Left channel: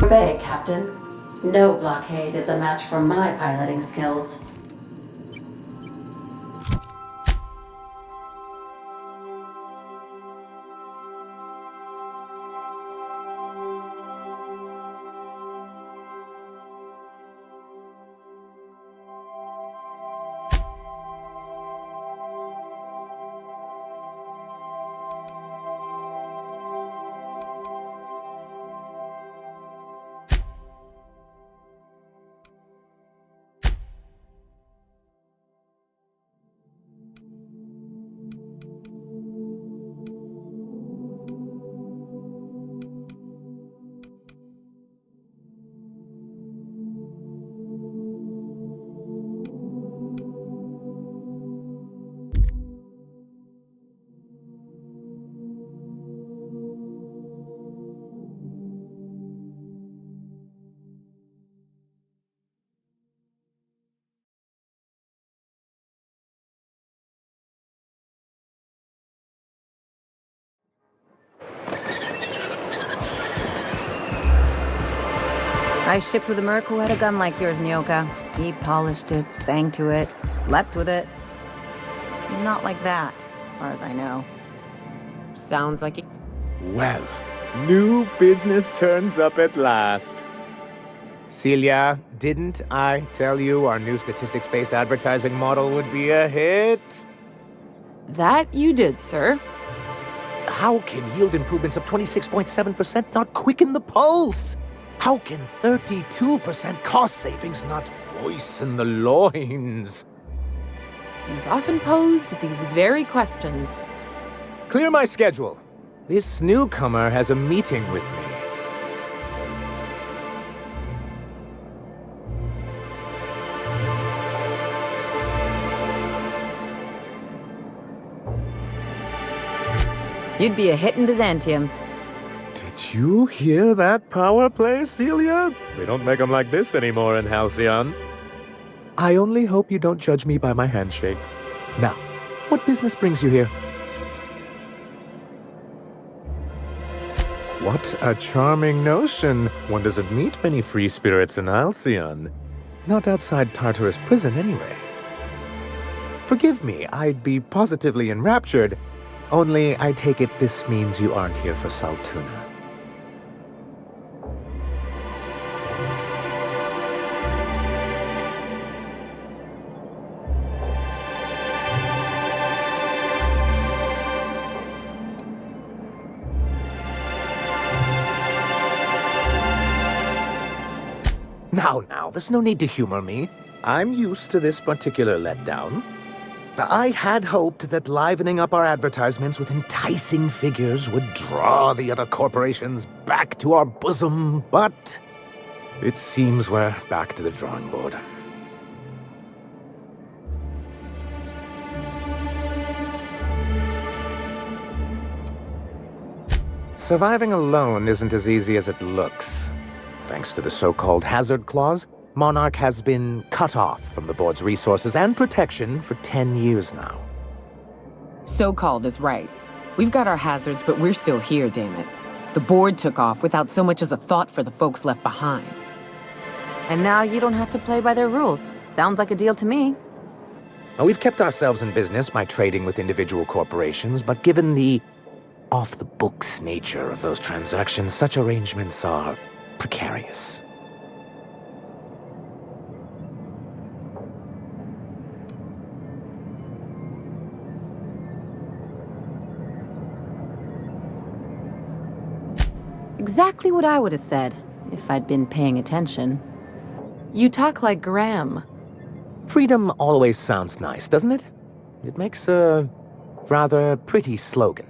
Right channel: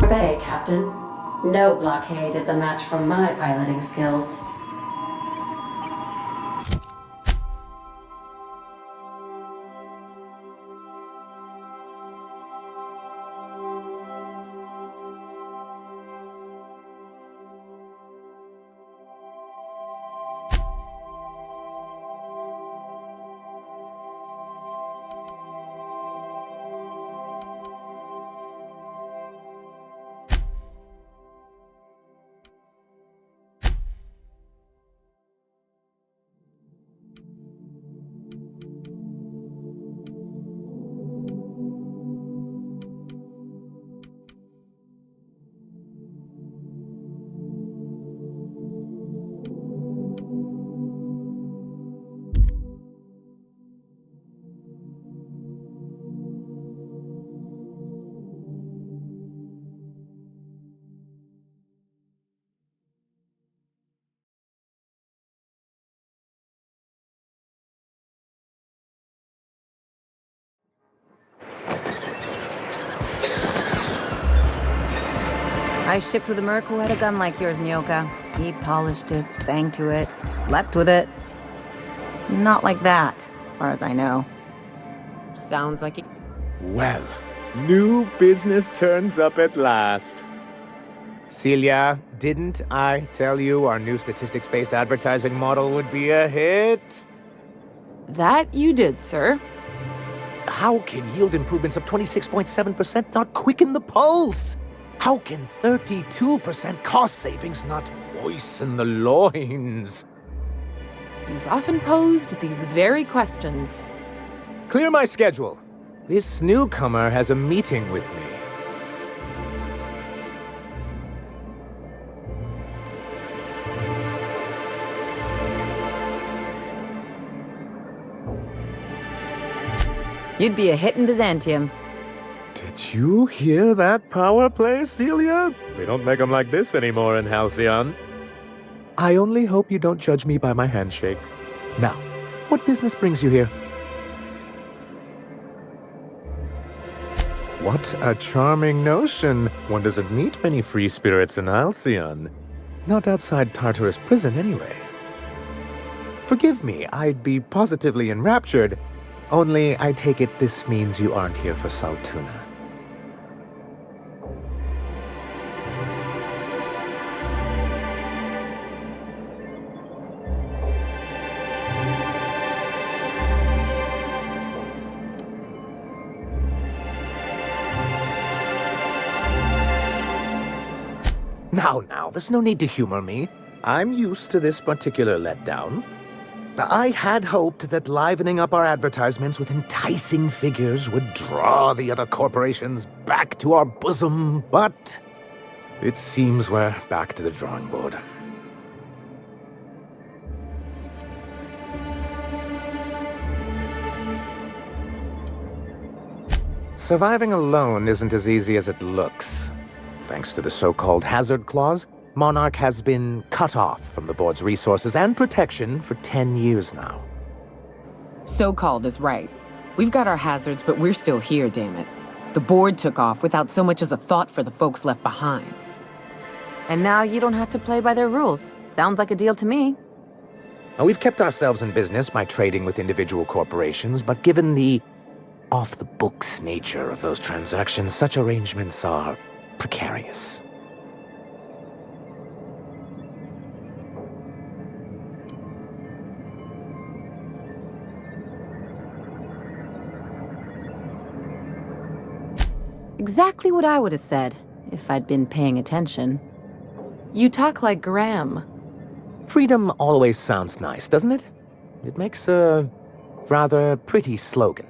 Bay, Captain. No blockade is a match for my piloting skills. I shipped with a merc who had a gun like yours, Nyoka. He polished it, sang to it, slept with it. Not like that, as far as I know. Sounds like it. Well, new business turns up at last. Celia, didn't I tell you our new statistics-based advertising model would be a hit? That you did, sir. How can yield improvements of 26.7% not quicken the pulse? How can 32% cost savings not moisten the loins? You've often posed these very questions. Clear my schedule. This newcomer has a meeting with me. You'd be a hit in Byzantium. Did you hear that power play, Celia? They don't make them like this anymore in Halcyon. I only hope you don't judge me by my handshake. Now, what business brings you here? What a charming notion. One doesn't meet many free spirits in Halcyon. Not outside Tartarus prison, anyway. Forgive me, I'd be positively enraptured. Only, I take it this means you aren't here for Saltuna. Now, there's no need to humor me. I'm used to this particular letdown. I had hoped that livening up our advertisements with enticing figures would draw the other corporations back to our bosom, but it seems we're back to the drawing board. Surviving alone isn't as easy as it looks. Thanks to the so-called hazard clause, Monarch has been cut off from the board's resources and protection for 10 years now. So-called is right. We've got our hazards, but we're still here, damn it. The board took off without so much as a thought for the folks left behind. And now you don't have to play by their rules. Sounds like a deal to me. We've kept ourselves in business by trading with individual corporations, but given the off-the-books nature of those transactions, such arrangements are precarious. Exactly what I would have said, if I'd been paying attention. You talk like Graham. Freedom always sounds nice, doesn't it? It makes a rather pretty slogan.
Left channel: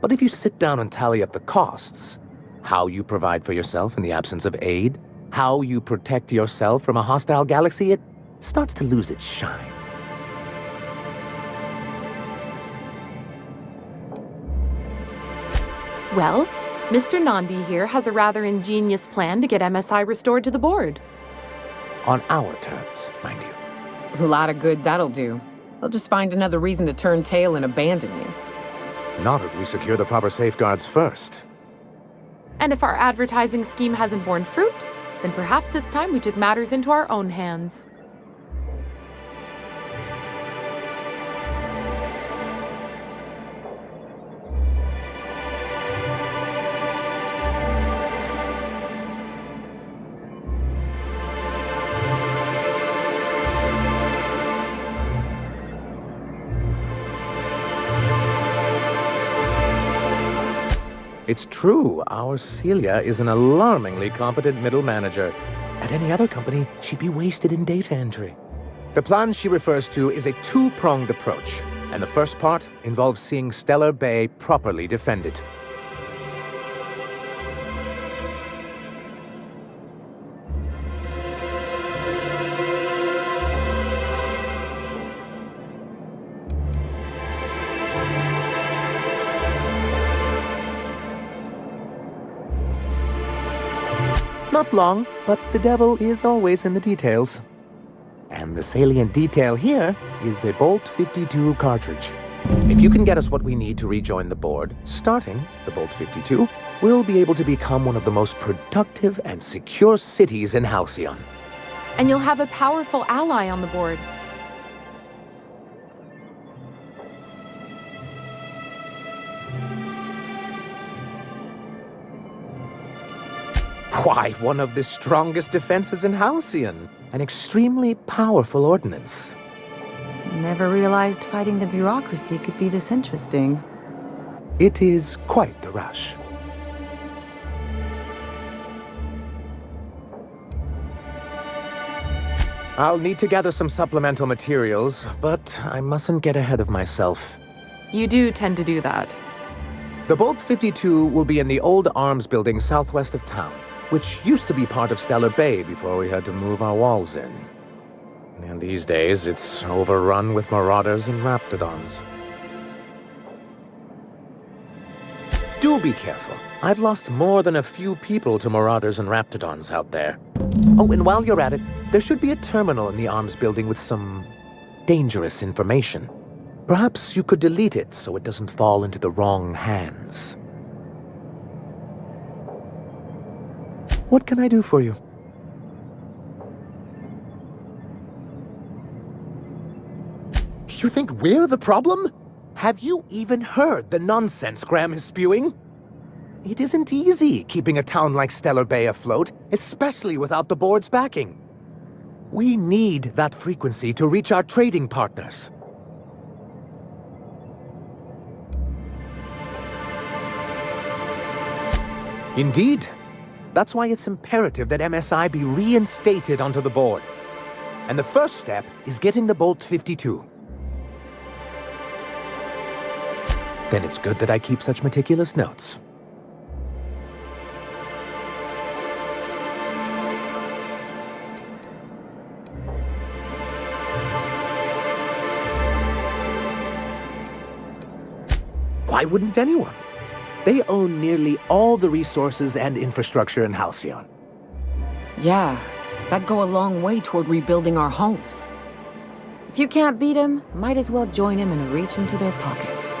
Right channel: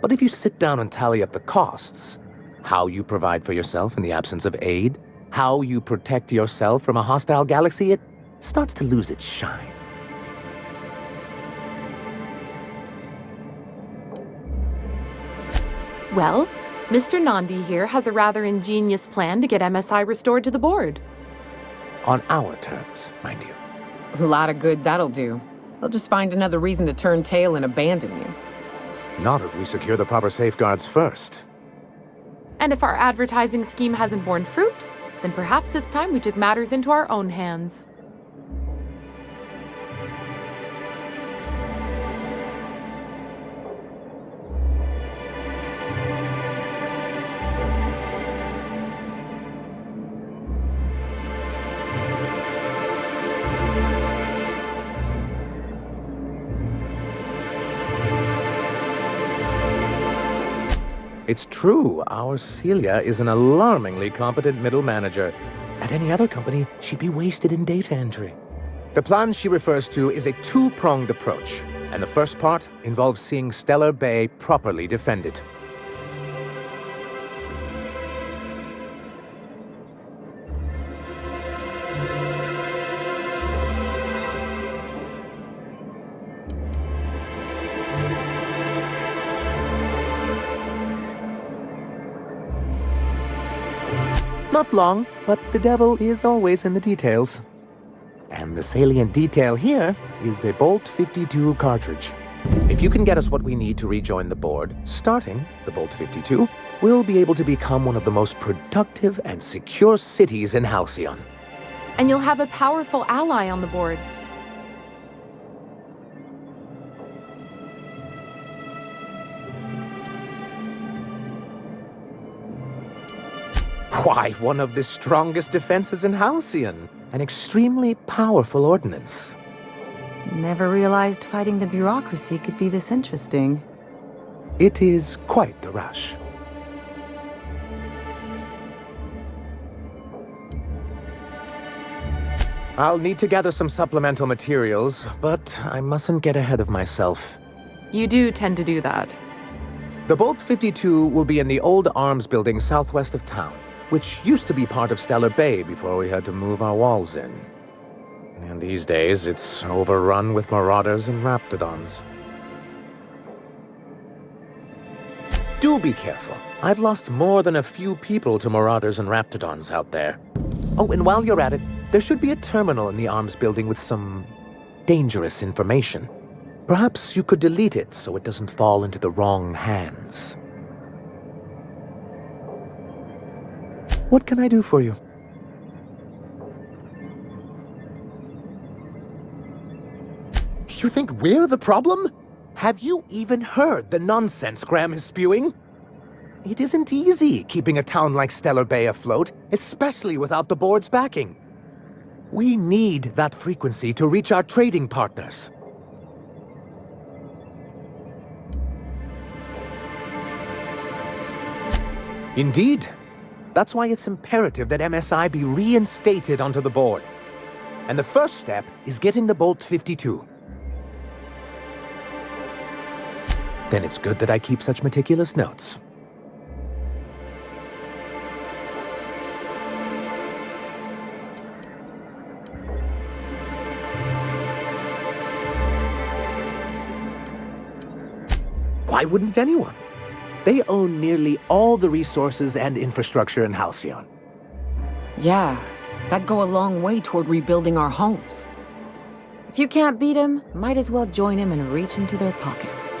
But if you sit down and tally up the costs, how you provide for yourself in the absence of aid, how you protect yourself from a hostile galaxy, it starts to lose its shine. Well, Mr. Nandi here has a rather ingenious plan to get MSI restored to the board. On our terms, mind you. A lot of good that'll do. They'll just find another reason to turn tail and abandon you. Not if we secure the proper safeguards first. And if our advertising scheme hasn't borne fruit, then perhaps it's time we took matters into our own hands. It's true, our Celia is an alarmingly competent middle manager. At any other company, she'd be wasted in data entry. The plan she refers to is a two-pronged approach, and the first part involves seeing Stellar Bay properly defended. Not long, but the devil is always in the details. And the salient detail here is a Bolt-52 cartridge. If you can get us what we need to rejoin the board, starting the Bolt-52, we'll be able to become one of the most productive and secure cities in Halcyon. And you'll have a powerful ally on the board. Why, one of the strongest defenses in Halcyon. An extremely powerful ordnance. Never realized fighting the bureaucracy could be this interesting. It is quite the rush. I'll need to gather some supplemental materials, but I mustn't get ahead of myself. You do tend to do that. The Bolt-52 will be in the old arms building southwest of town, which used to be part of Stellar Bay before we had to move our walls in. And these days, it's overrun with marauders and raptidons. Do be careful. I've lost more than a few people to marauders and raptidons out there. Oh, and while you're at it, there should be a terminal in the arms building with some dangerous information. Perhaps you could delete it so it doesn't fall into the wrong hands. What can I do for you? You think we're the problem? Have you even heard the nonsense Graham is spewing? It isn't easy keeping a town like Stellar Bay afloat, especially without the board's backing. We need that frequency to reach our trading partners. Indeed. That's why it's imperative that MSI be reinstated onto the board. And the first step is getting the Bolt-52. Then it's good that I keep such meticulous notes. Why wouldn't anyone? They own nearly all the resources and infrastructure in Halcyon. Yeah, that'd go a long way toward rebuilding our homes. If you can't beat him, might as well join him and reach into their pockets.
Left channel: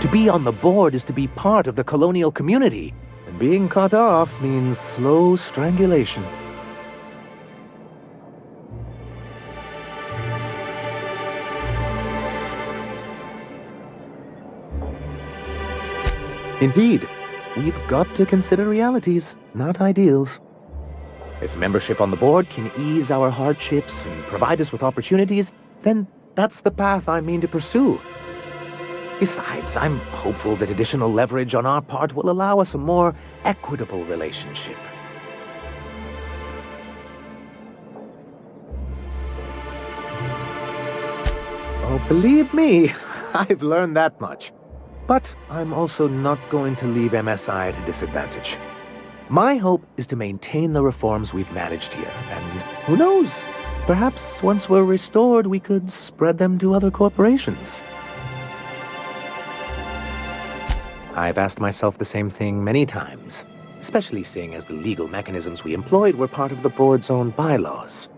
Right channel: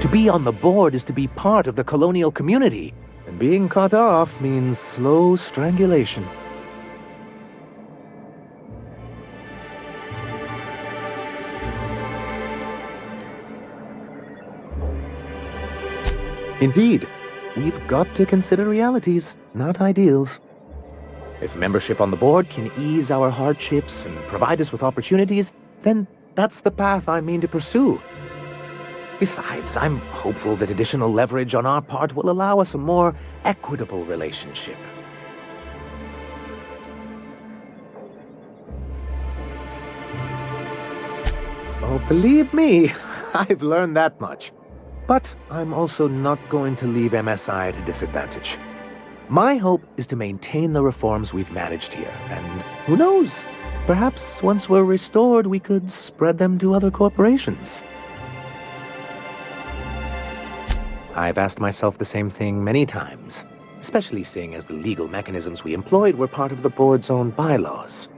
To be on the board is to be part of the colonial community, and being cut off means slow strangulation. Indeed, we've got to consider realities, not ideals. If membership on the board can ease our hardships and provide us with opportunities, then that's the path I mean to pursue. Besides, I'm hopeful that additional leverage on our part will allow us a more equitable relationship. Oh, believe me, I've learned that much. But I'm also not going to leave MSI at a disadvantage. My hope is to maintain the reforms we've managed here, and who knows? Perhaps once we're restored, we could spread them to other corporations. I've asked myself the same thing many times, especially seeing as the legal mechanisms we employed were part of the board's own bylaws.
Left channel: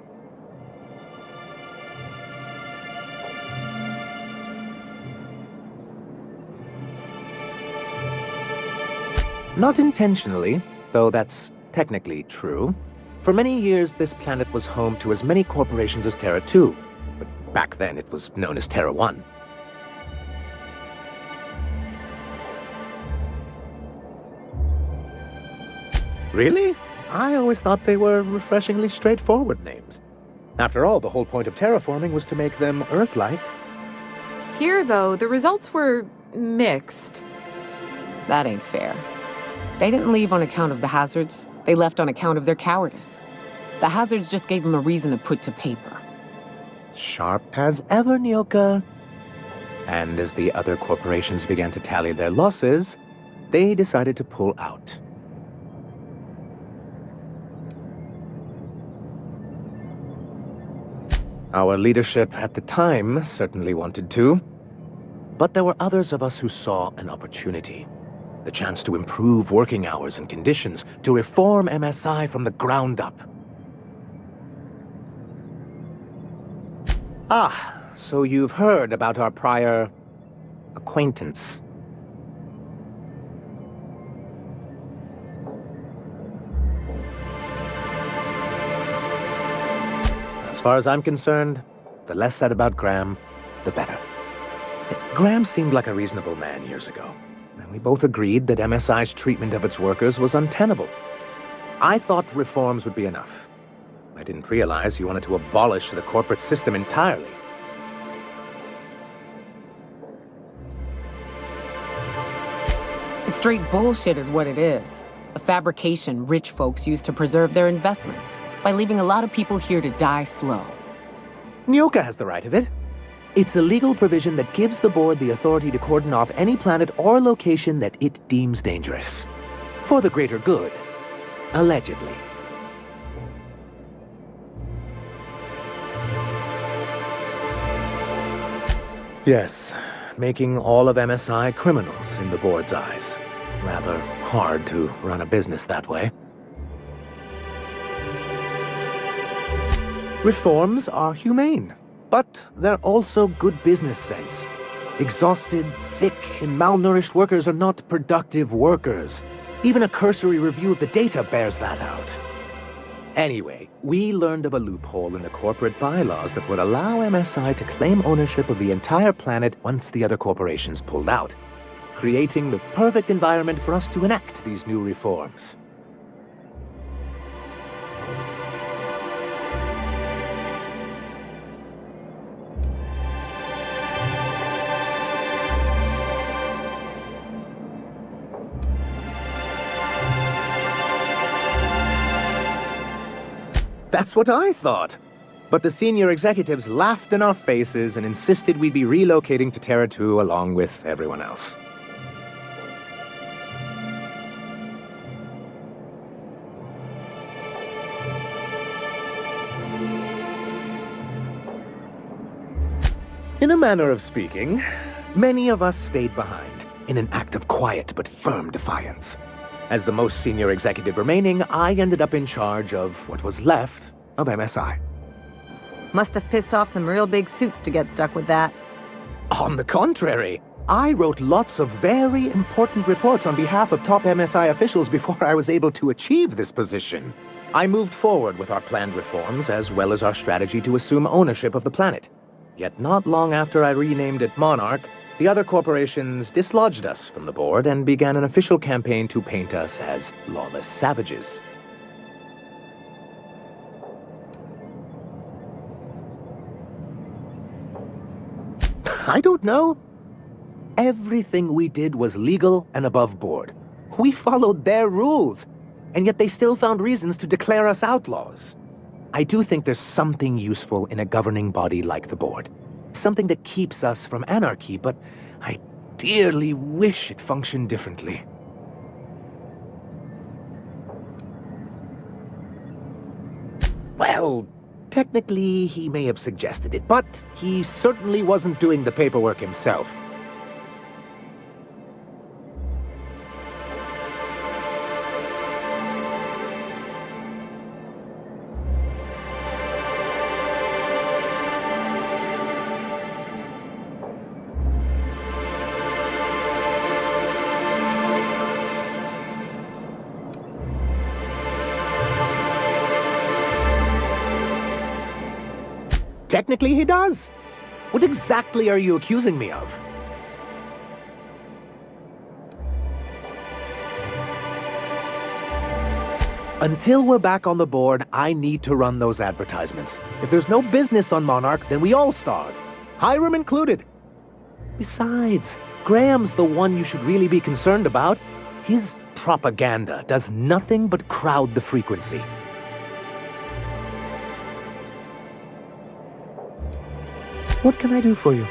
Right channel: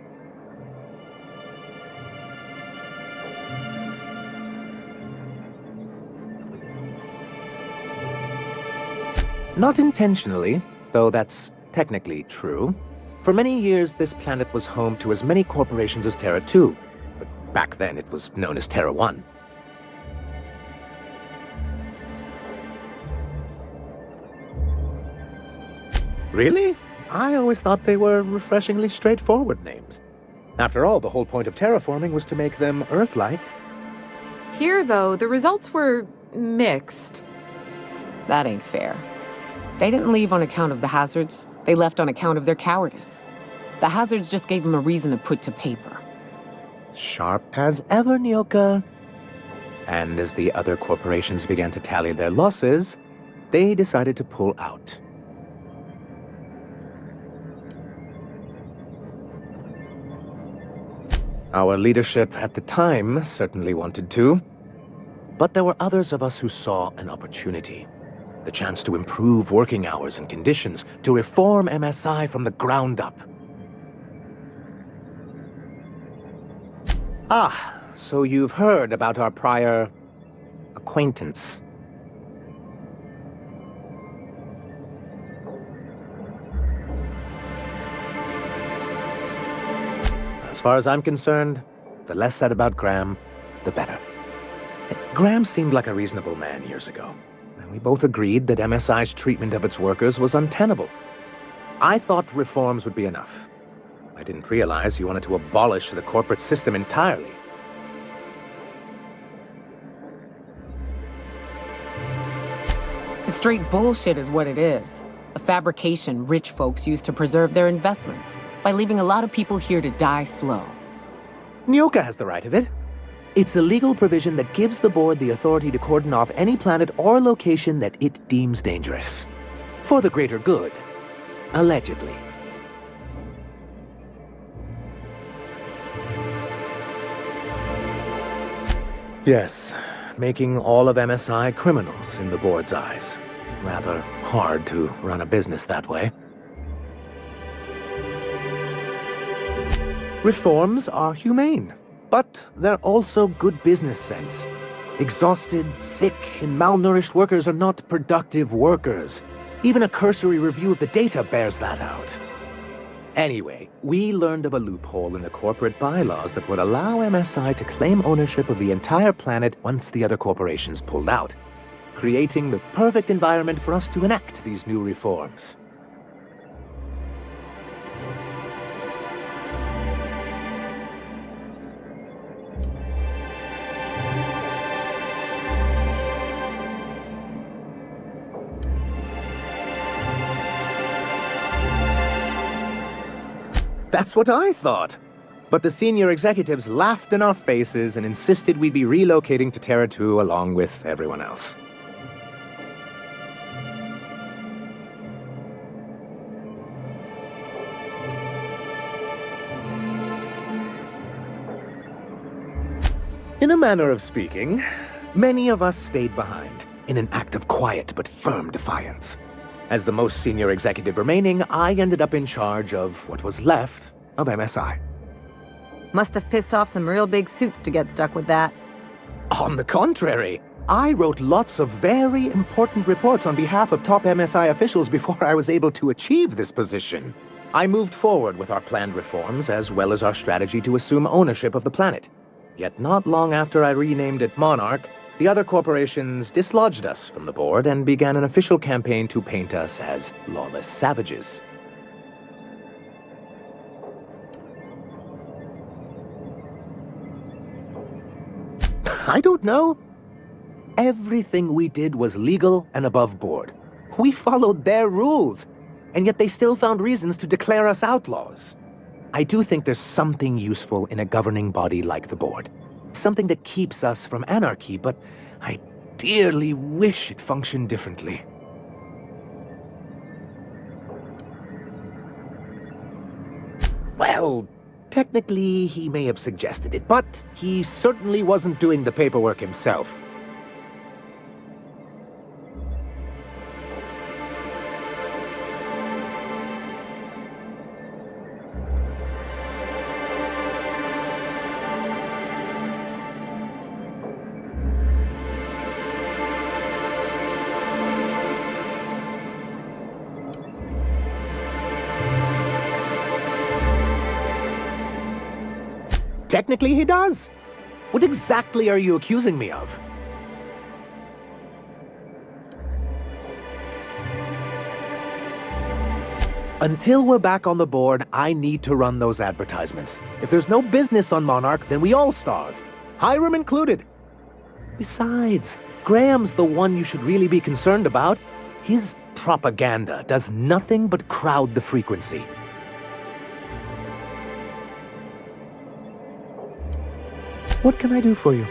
Not intentionally, though that's technically true. For many years, this planet was home to as many corporations as Terra 2, but back then it was known as Terra 1. Really? I always thought they were refreshingly straightforward names. After all, the whole point of terraforming was to make them Earth-like. Here, though, the results were mixed. That ain't fair. They didn't leave on account of the hazards. They left on account of their cowardice. The hazards just gave them a reason to put to paper. Sharp as ever, Nyoka. And as the other corporations began to tally their losses, they decided to pull out. Our leadership at the time certainly wanted to. But there were others of us who saw an opportunity. The chance to improve working hours and conditions, to reform MSI from the ground up. Ah, so you've heard about our prior acquaintance. As far as I'm concerned, the less said about Graham, the better. Graham seemed like a reasonable man years ago, and we both agreed that MSI's treatment of its workers was untenable. I thought reforms would be enough. I didn't realize you wanted to abolish the corporate system entirely. Straight bullshit is what it is. A fabrication rich folks use to preserve their investments, by leaving a lot of people here to die slow. Nyoka has the right of it. It's a legal provision that gives the board the authority to cordon off any planet or location that it deems dangerous. For the greater good. Allegedly. Yes, making all of MSI criminals in the board's eyes. Rather hard to run a business that way. Reforms are humane, but they're also good business sense. Exhausted, sick, and malnourished workers are not productive workers. Even a cursory review of the data bears that out. Anyway, we learned of a loophole in the corporate bylaws that would allow MSI to claim ownership of the entire planet once the other corporations pulled out, creating the perfect environment for us to enact these new reforms. That's what I thought. But the senior executives laughed in our faces and insisted we'd be relocating to Terra 2 along with everyone else. In a manner of speaking, many of us stayed behind, in an act of quiet but firm defiance. As the most senior executive remaining, I ended up in charge of what was left of MSI. Must have pissed off some real big suits to get stuck with that. On the contrary, I wrote lots of very important reports on behalf of top MSI officials before I was able to achieve this position. I moved forward with our planned reforms as well as our strategy to assume ownership of the planet. Yet not long after I renamed it Monarch, the other corporations dislodged us from the board and began an official campaign to paint us as lawless savages. I don't know. Everything we did was legal and above board. We followed their rules, and yet they still found reasons to declare us outlaws. I do think there's something useful in a governing body like the board. Something that keeps us from anarchy, but I dearly wish it functioned differently. Well, technically he may have suggested it, but he certainly wasn't doing the paperwork himself. Technically, he does. What exactly are you accusing me of? Until we're back on the board, I need to run those advertisements. If there's no business on Monarch, then we all starve. Hiram included. Besides, Graham's the one you should really be concerned about. His propaganda does nothing but crowd the frequency. What can I do for you?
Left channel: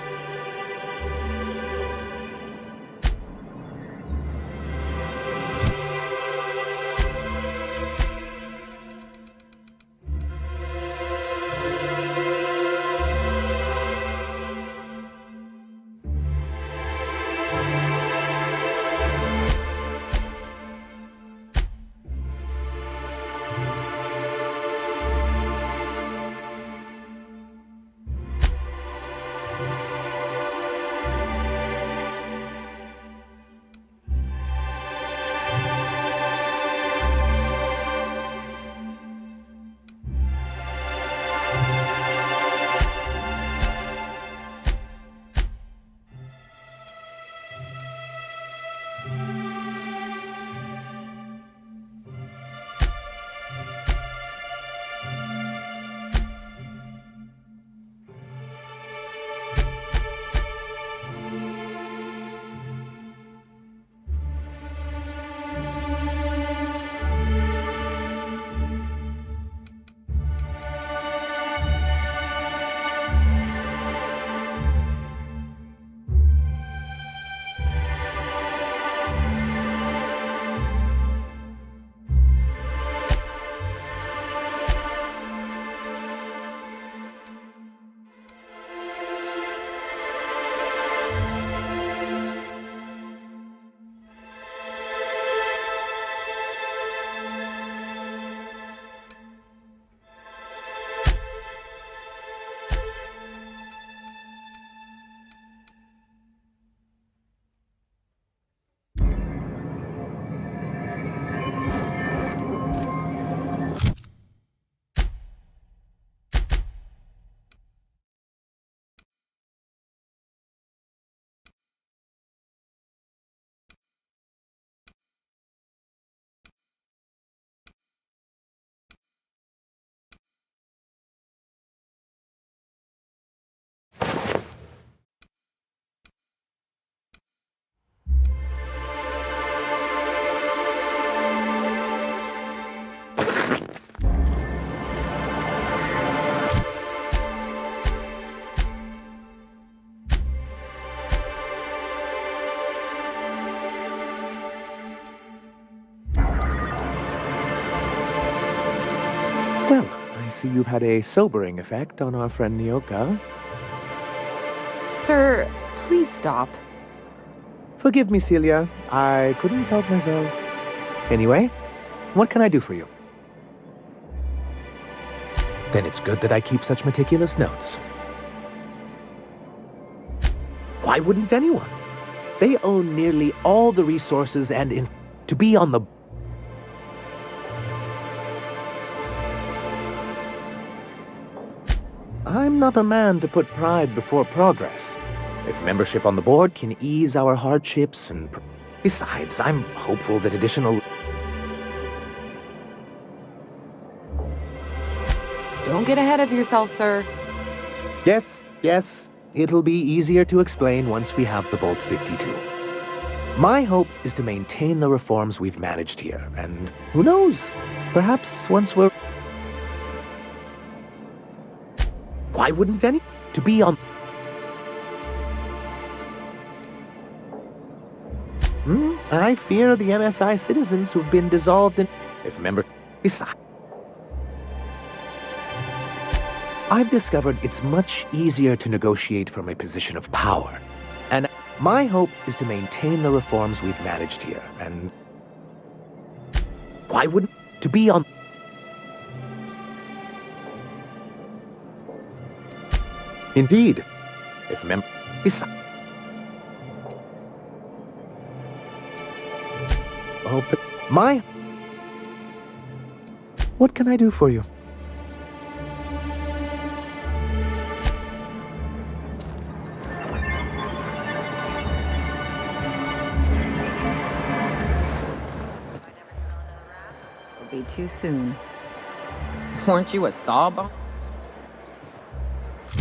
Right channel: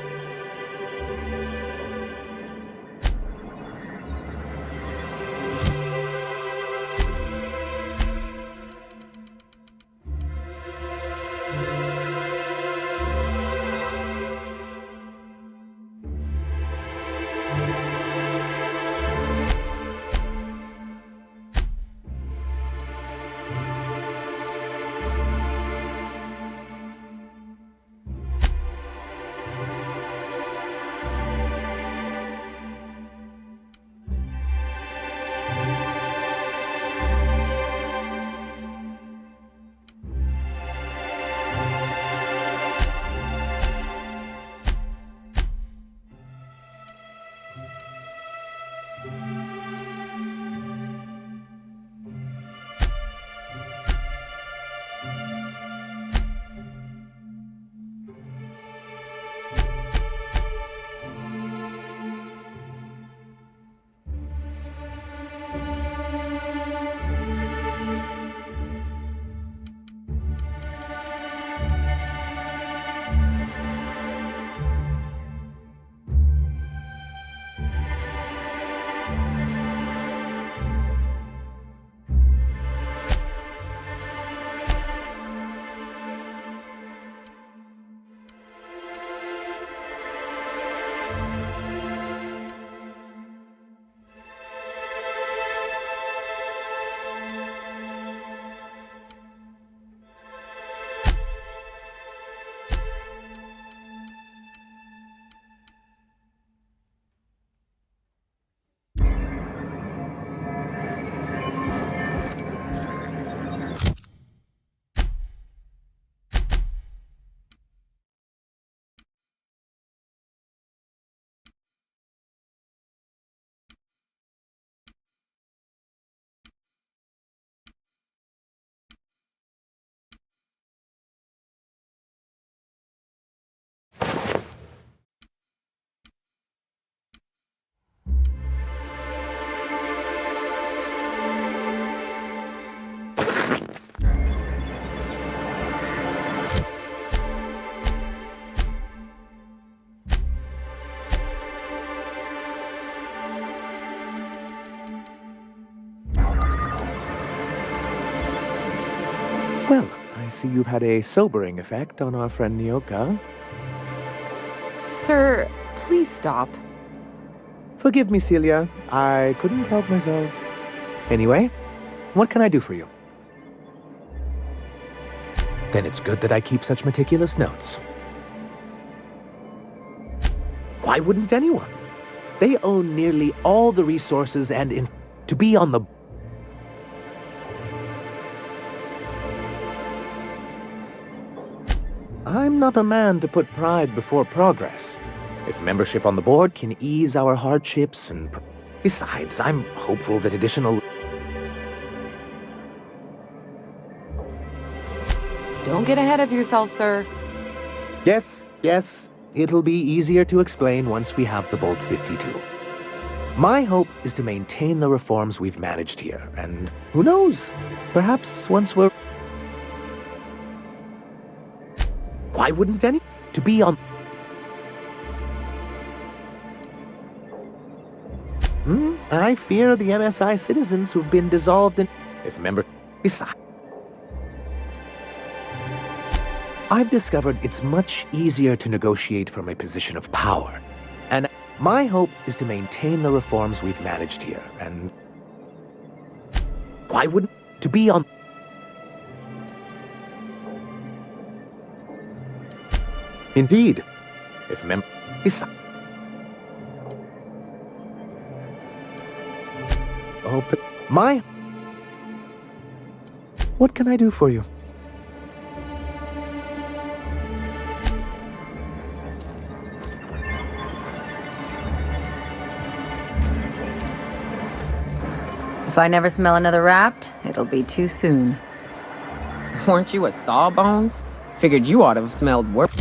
Well, I see you've had a sobering effect on our friend Nyoka. Sir, please stop. Forgive me, Celia. I couldn't help myself. Anyway, what can I do for you? Then it's good that I keep such meticulous notes. Why wouldn't anyone? They own nearly all the resources and to be on the... I'm not a man to put pride before progress. If membership on the board can ease our hardships and... Besides, I'm hopeful that additional... Don't get ahead of yourself, sir. Yes. It'll be easier to explain once we have the Bolt-52. My hope is to maintain the reforms we've managed here, and who knows? Perhaps once we're... Why wouldn't any... To be on... I fear the MSI citizens who've been dissolved in... If members... Besides... I've discovered it's much easier to negotiate from a position of power. And my hope is to maintain the reforms we've managed here, and... Why wouldn't... To be on... Indeed. If Besides... Oh, but my... What can I do for you? If I never smell another Rapt, it'll be too soon. Weren't you a Sawbones? Figured you ought to have smelled worse.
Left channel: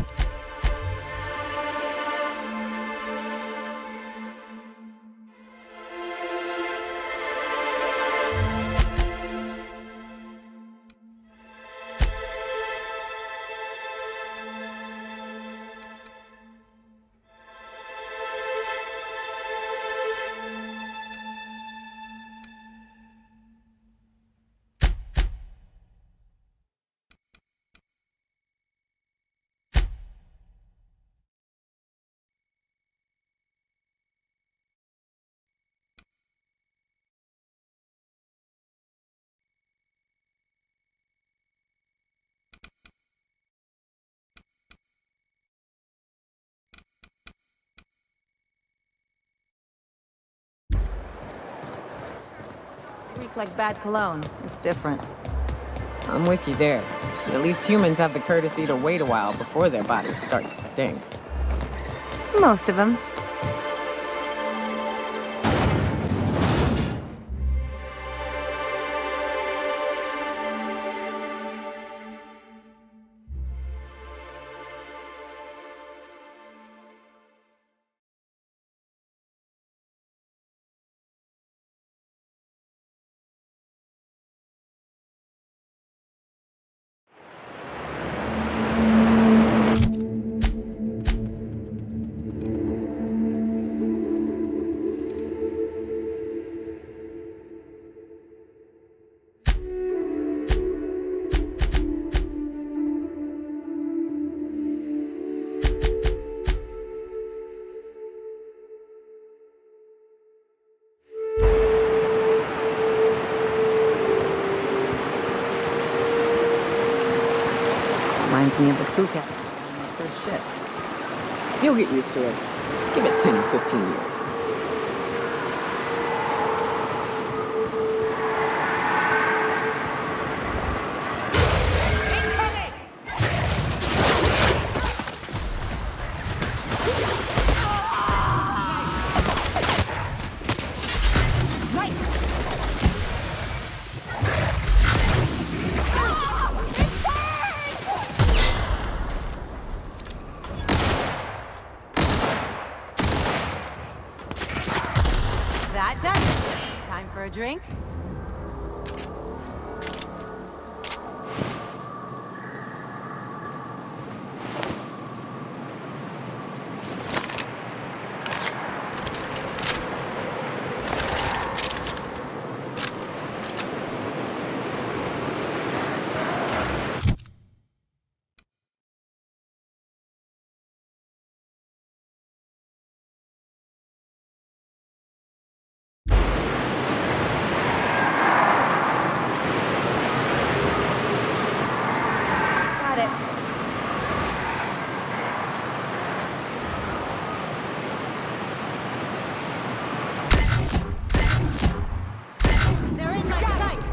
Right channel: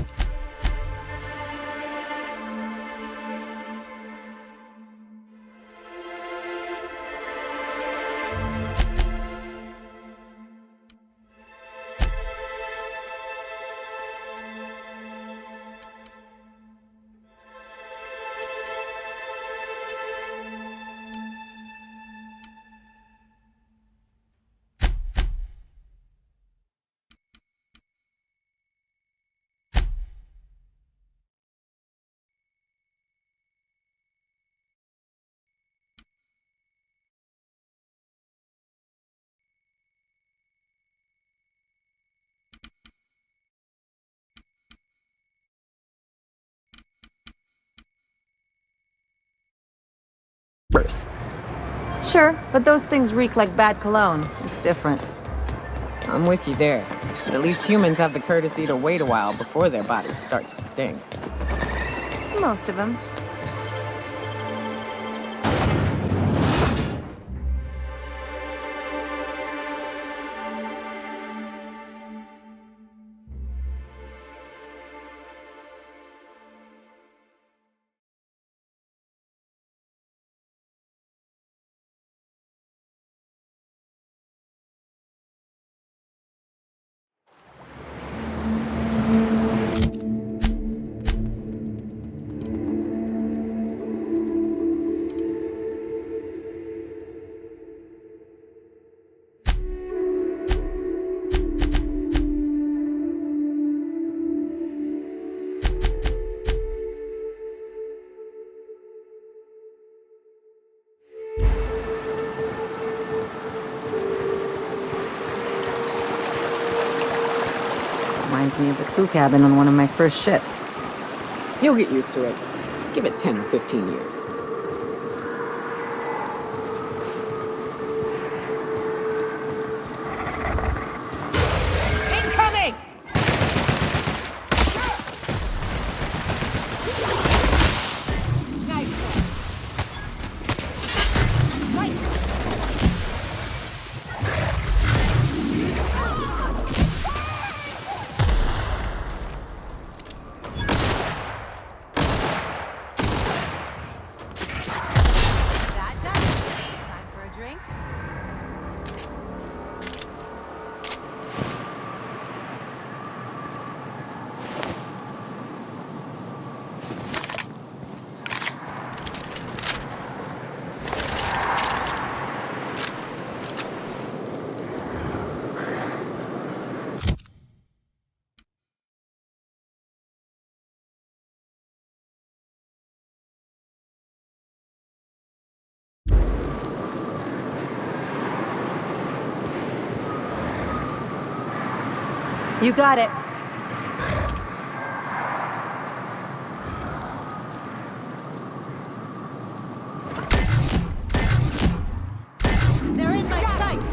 Sure, but those things reek like bad cologne. It's different. I'm with you there. At least humans have the courtesy to wait a while before their bodies start to stink. Most of them. Reminds me of the crew cabin on one of my first ships. You'll get used to it. Give it 10 or 15 years. That does it. Time for a drink? You got it. They're in my sights.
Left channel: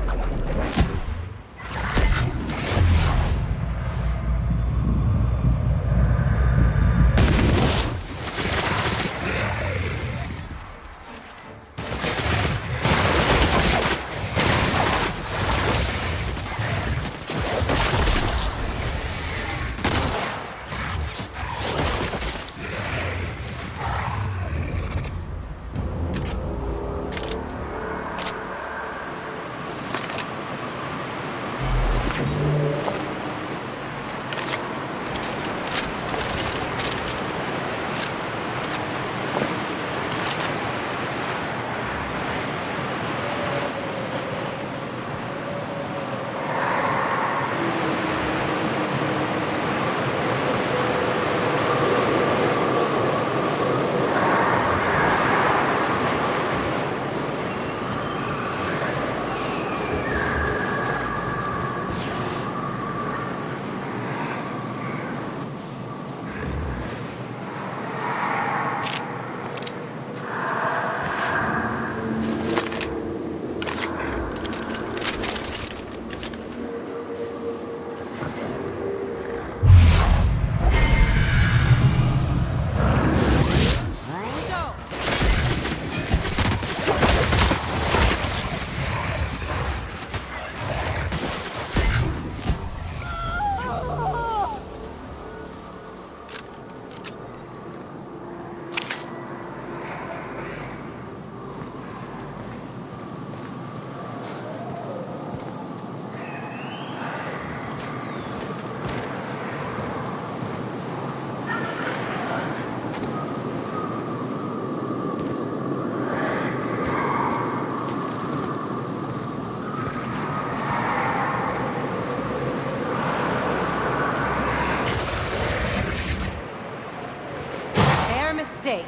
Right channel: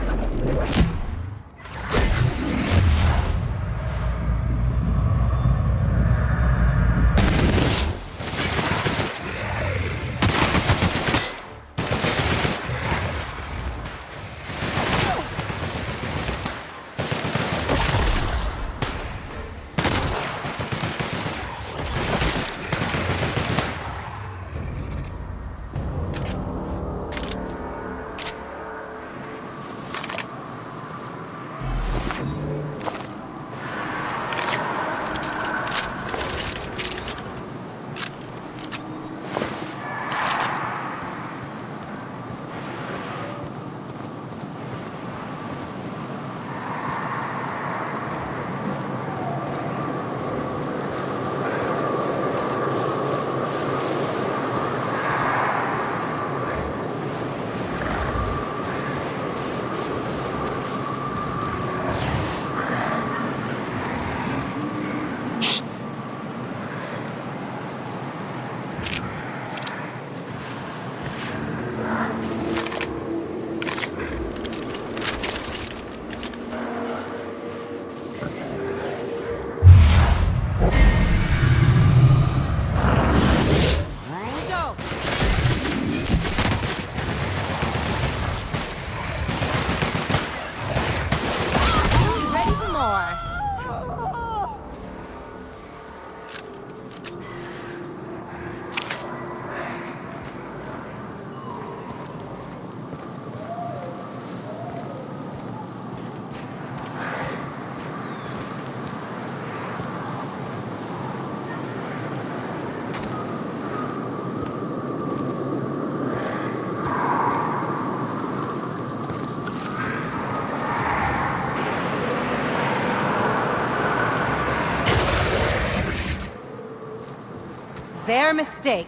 our mistake.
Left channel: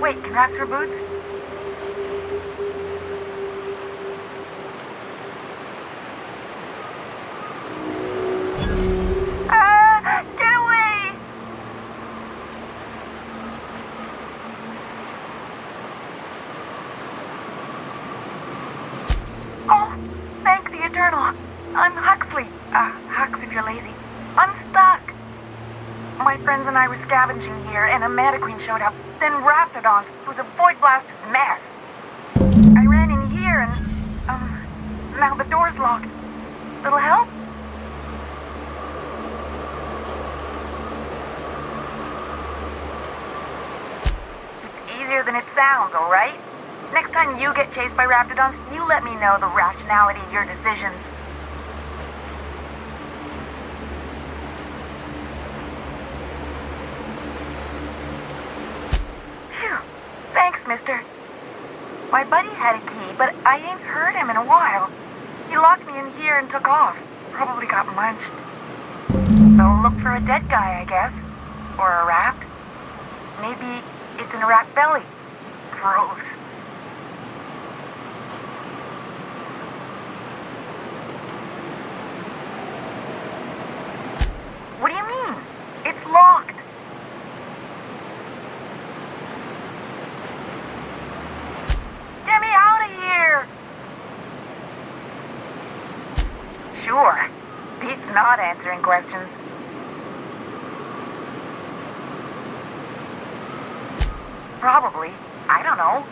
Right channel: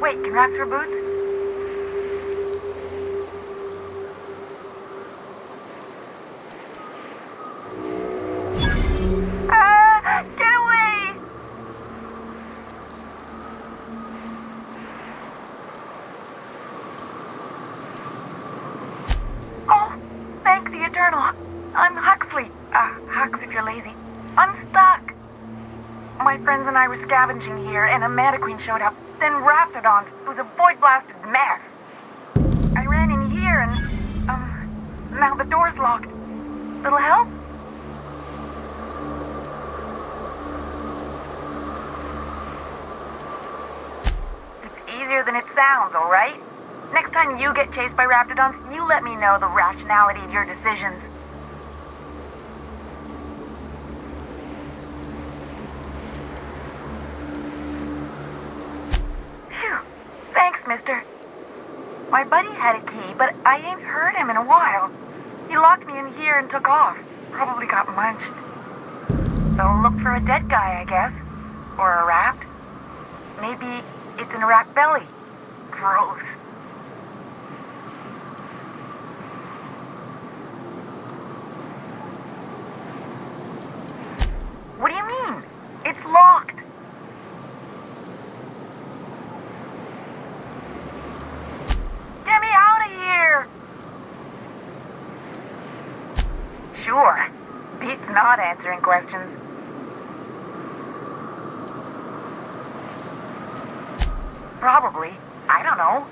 Wait, can rats wear boots? Ah! Get away! Oh, thank the Eternal. I'm Huxley. Hux if you're lazy. I'm stuck. My friends and I were scavenging here, and a Meta Queen showed up. Then Raptidons. It was a void-blasted mess. I ran in here and, now the door's locked. Little help? raptidons, alright? Next time you get chased by raptidons, you let me know the rationality of your decisions. Phew. Thanks, mister. My buddy had a key, but I ain't heard him in a while. He locked me in here and took off. Probably got munched. So look for a dead guy, I guess. Or a rat. Maybe it's in a rat belly. Gross. What do you mean? It's locked. Get me out of here! Sure. Beats not answering questions. Probably. I don't know.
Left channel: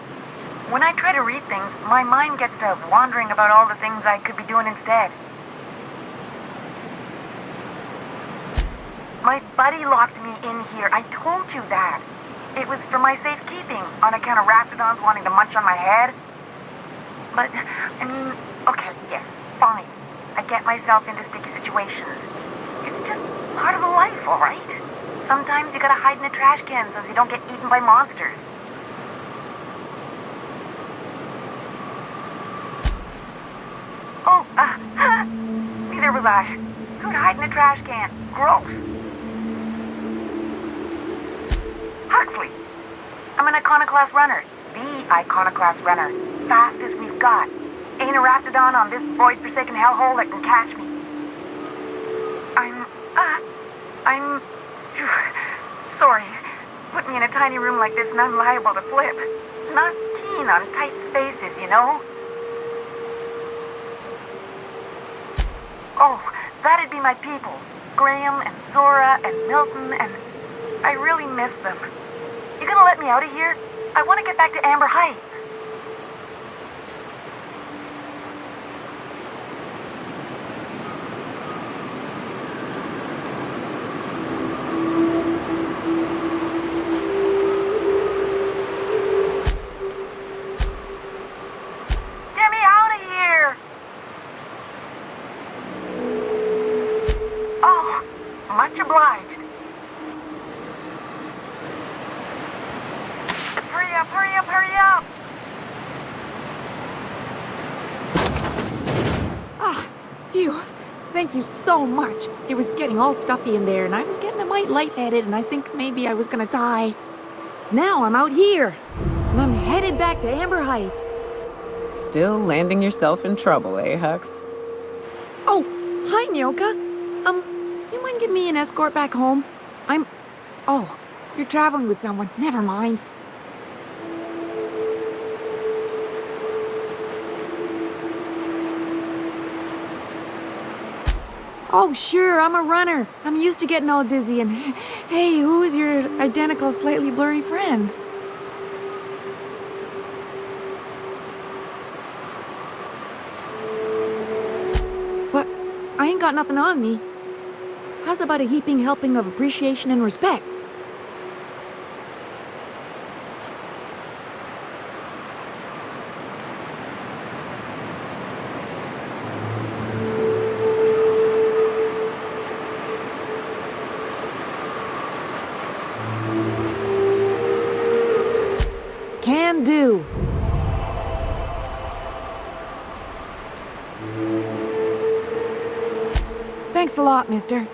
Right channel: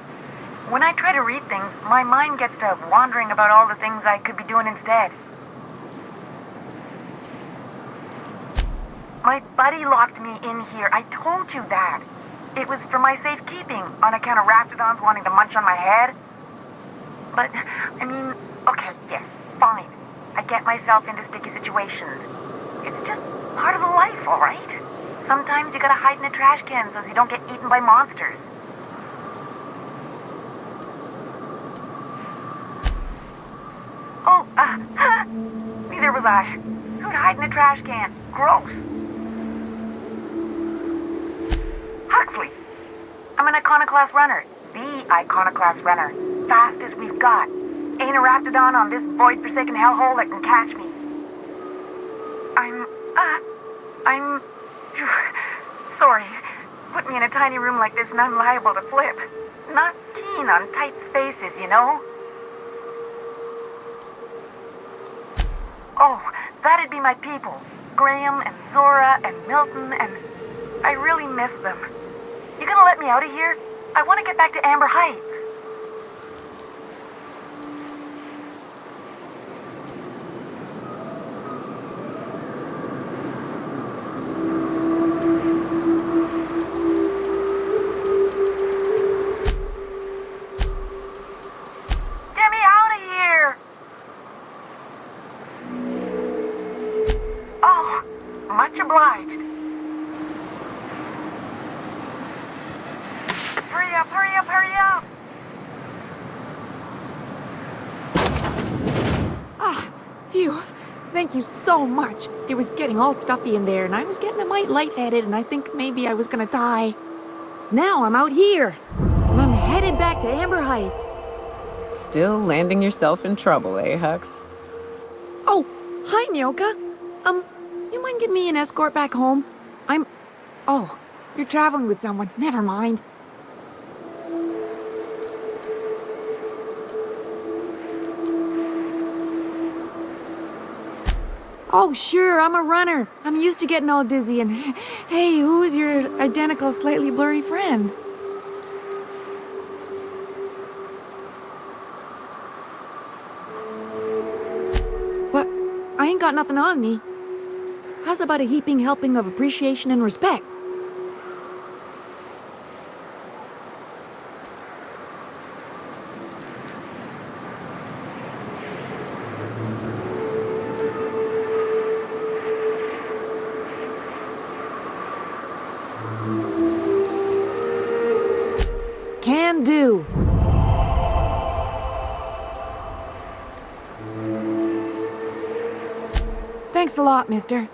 When I try to read things, my mind gets to wandering about all the things I could be doing instead. My buddy locked me in here. I told you that. It was for my safekeeping, on account of raptidons wanting to munch on my head. But, I mean, okay, yes, fine. I get myself into sticky situations. It's just part of the life, all right? Sometimes you gotta hide in a trash can so you don't get eaten by monsters. Oh, neither was I. Who'd hide in a trash can? Gross. Huxley. I'm an iconoclast runner. The iconoclast runner. Fastest we've got. Ain't a raptidon on this void-forsaken hellhole that can catch me. I'm... Phew, sorry. Put me in a tiny room like this and I'm liable to flip. Not keen on tight spaces, you know? Oh, that'd be my people. Graham and Zora and Milton and... I really miss them. You gonna let me out of here? I want to get back to Amber Heights. Get me out of here! Oh, much obliged. Hurry up, hurry up, hurry up! Ah, phew. Thank you so much. It was getting all stuffy in there, and I was getting a mite lightheaded, and I think maybe I was gonna die. Now I'm out here, and I'm headed back to Amber Heights. Still landing yourself in trouble, eh, Hux? Oh, hi, Nyoka. You mind giving me an escort back home? Oh, you're traveling with someone. Never mind. Oh, sure, I'm a runner. I'm used to getting all dizzy and... Hey, who's your identical, slightly blurry friend? But I ain't got nothing on me. How's about a heaping helping of appreciation and respect? Can do. Thanks a lot, mister.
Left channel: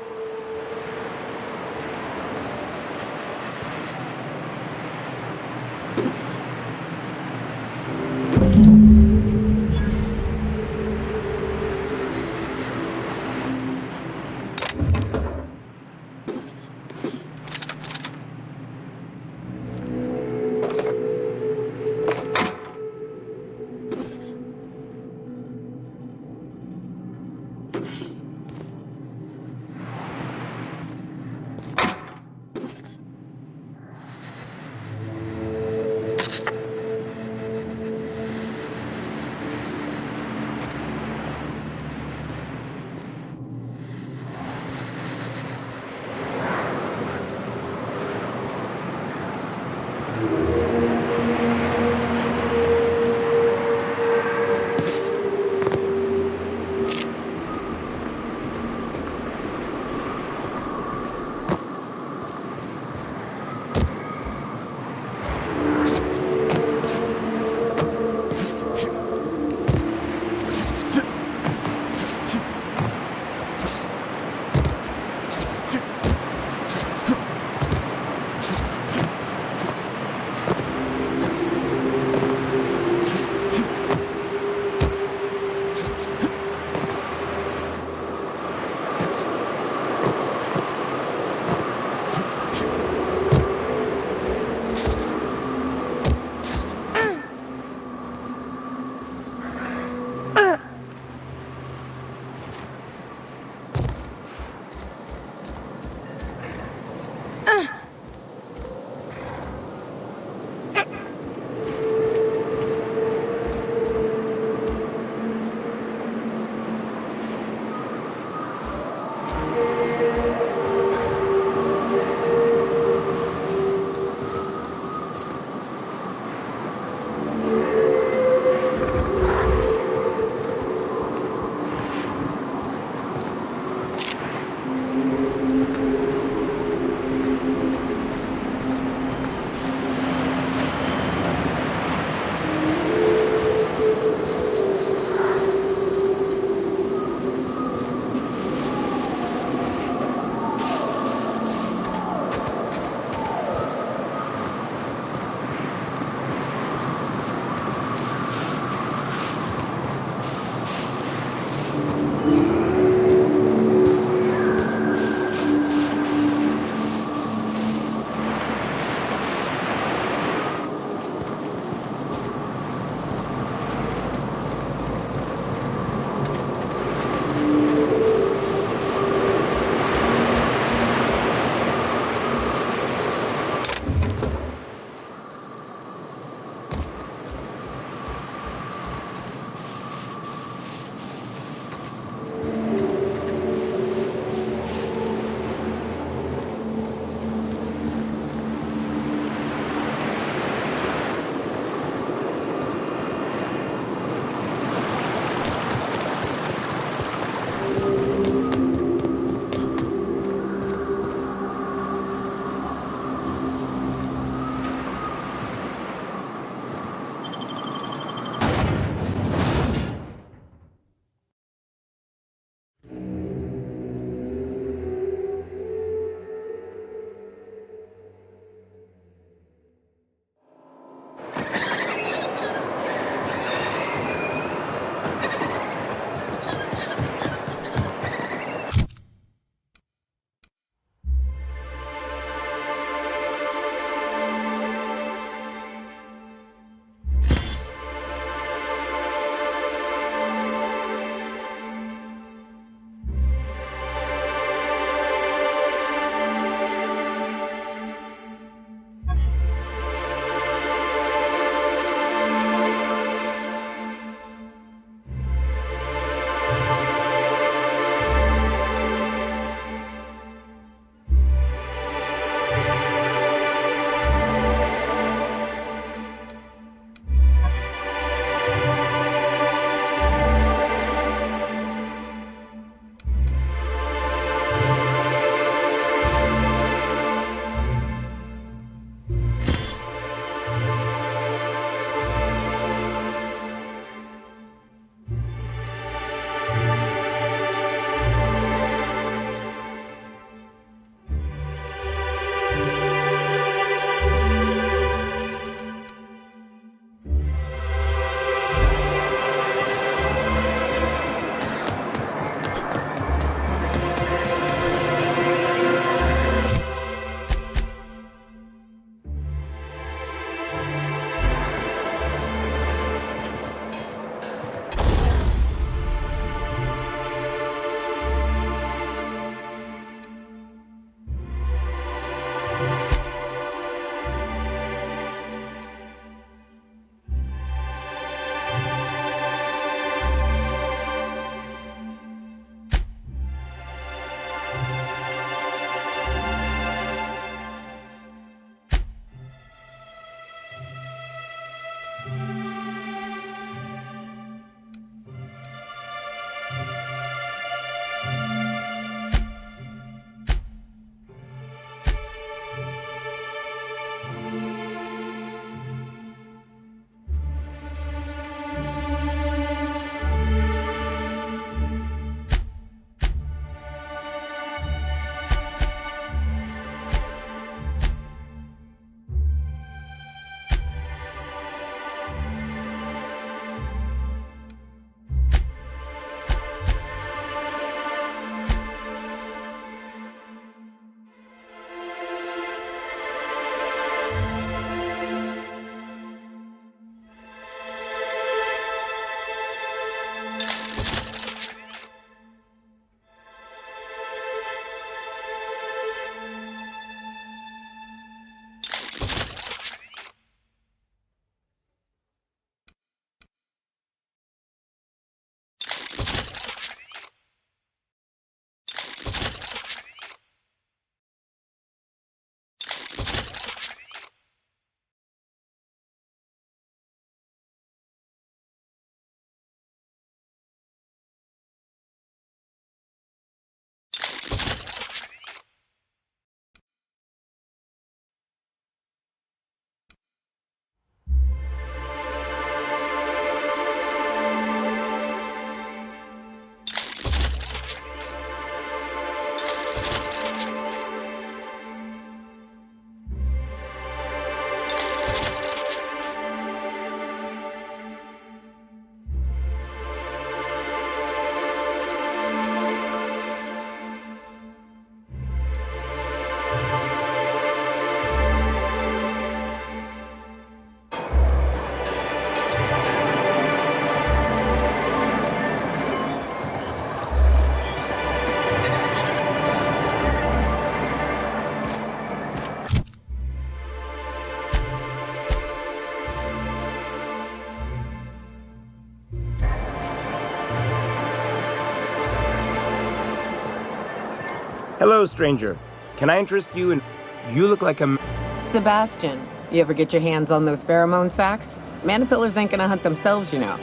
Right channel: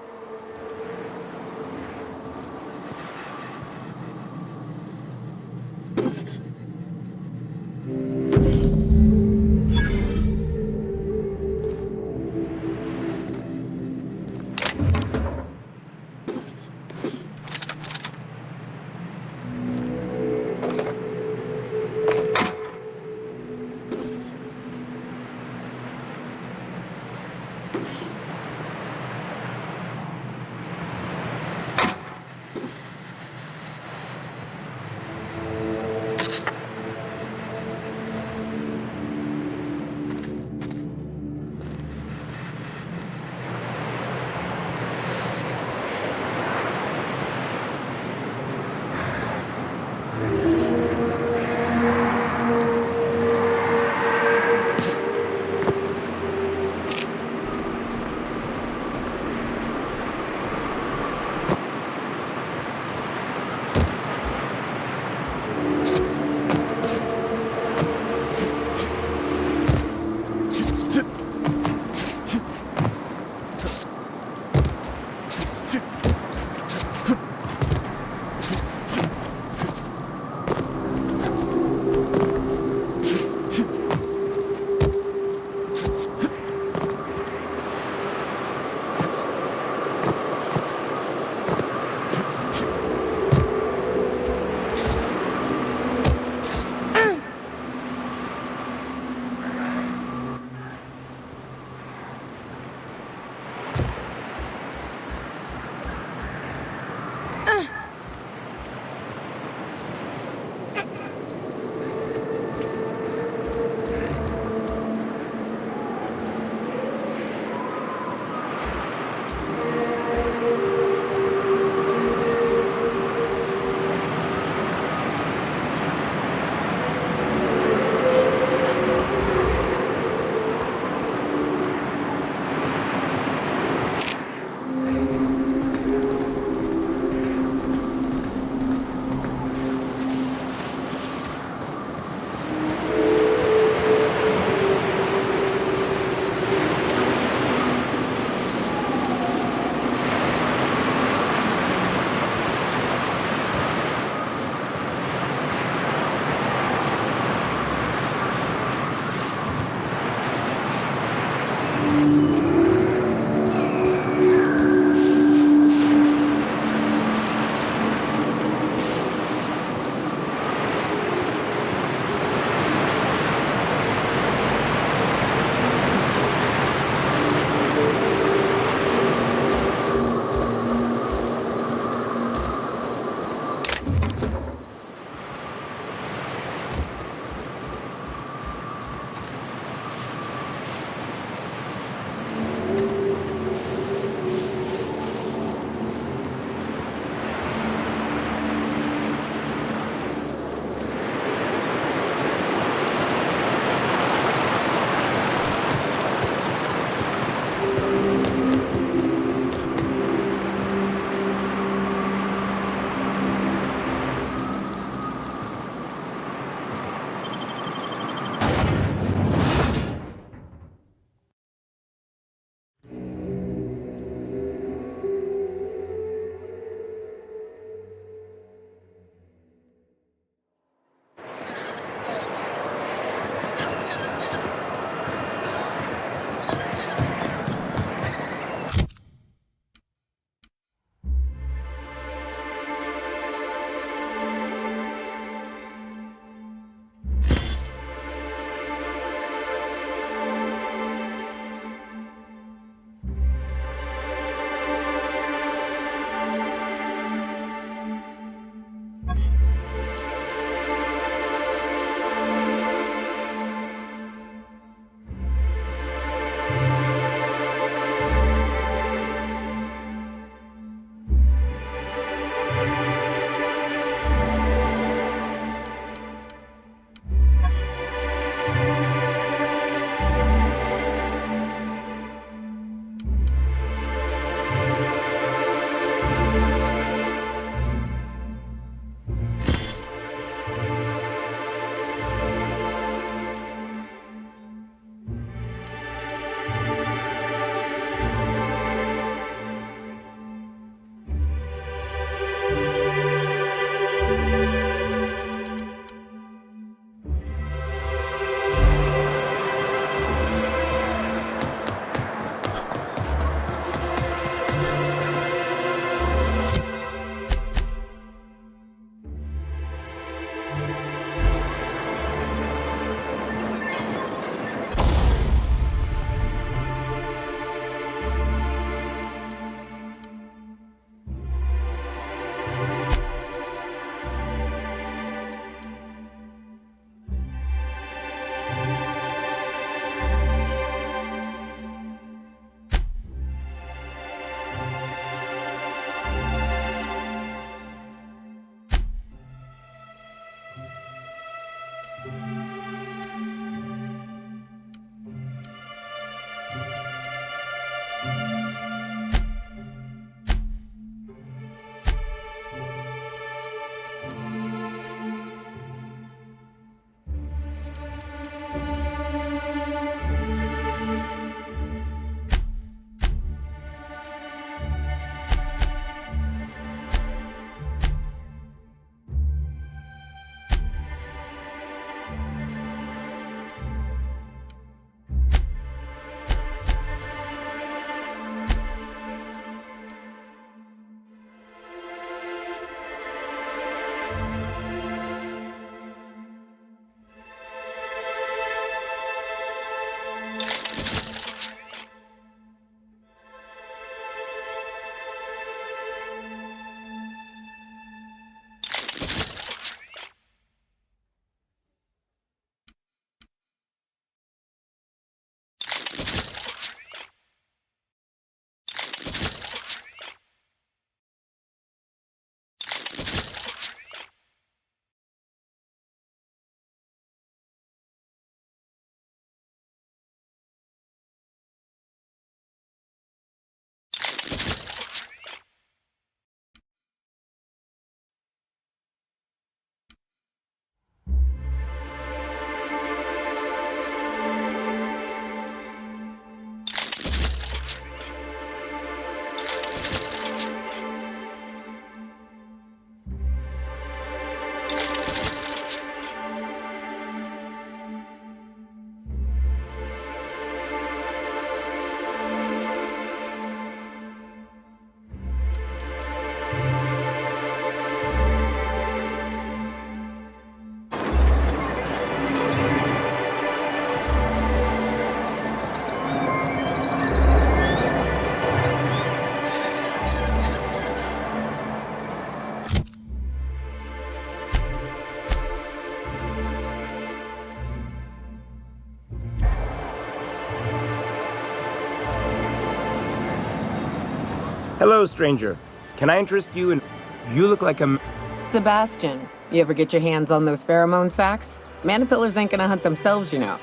Hello, stranger. Can I interest you in... You look like a... Sebastian, you ever get your hands on those pheromone sacs? Manipillars ain't gonna hunt themselves, you know.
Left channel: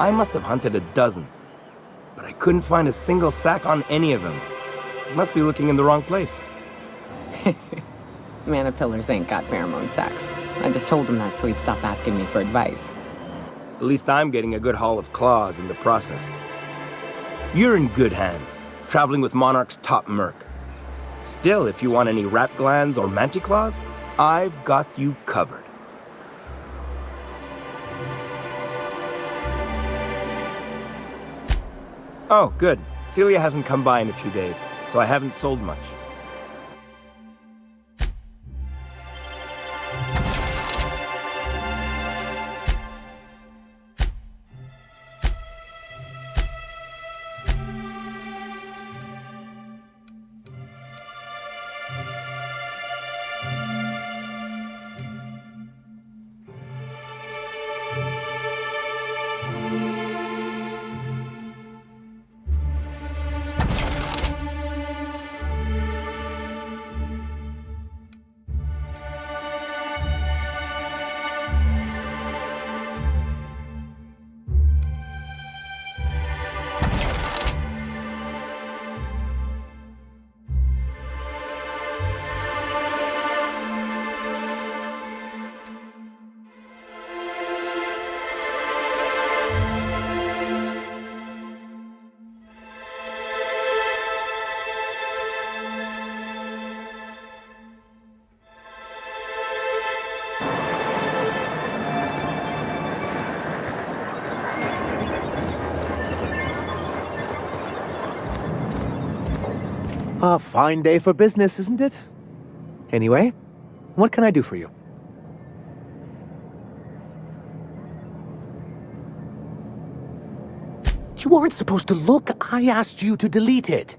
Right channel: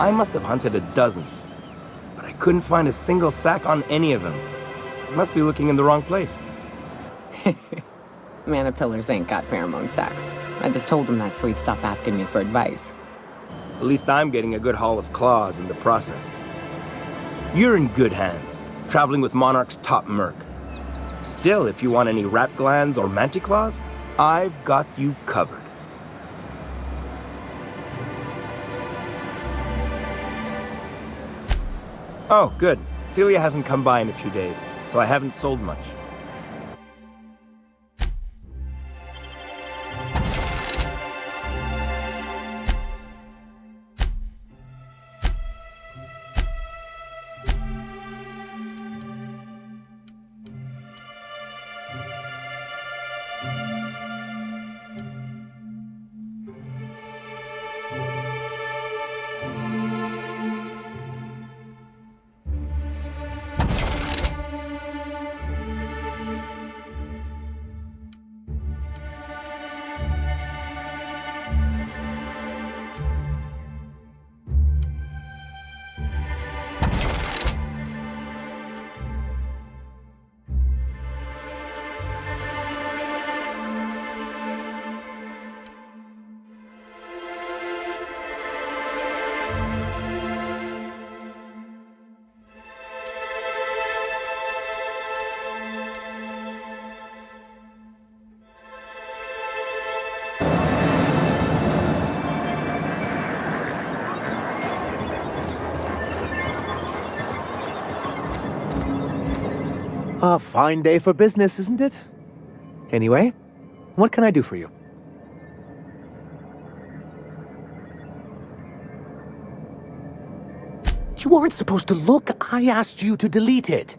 I must have hunted a dozen, but I couldn't find a single sack on any of them. Must be looking in the wrong place. Manipillars ain't got pheromone sacs. I just told him that so he'd stop asking me for advice. At least I'm getting a good haul of claws in the process. You're in good hands, traveling with Monarch's top merc. Still, if you want any rat glands or manticlaws, I've got you covered. Oh, good. Celia hasn't come by in a few days, so I haven't sold much. A fine day for business, isn't it? Anyway, what can I do for you? You weren't supposed to look. I asked you to delete it.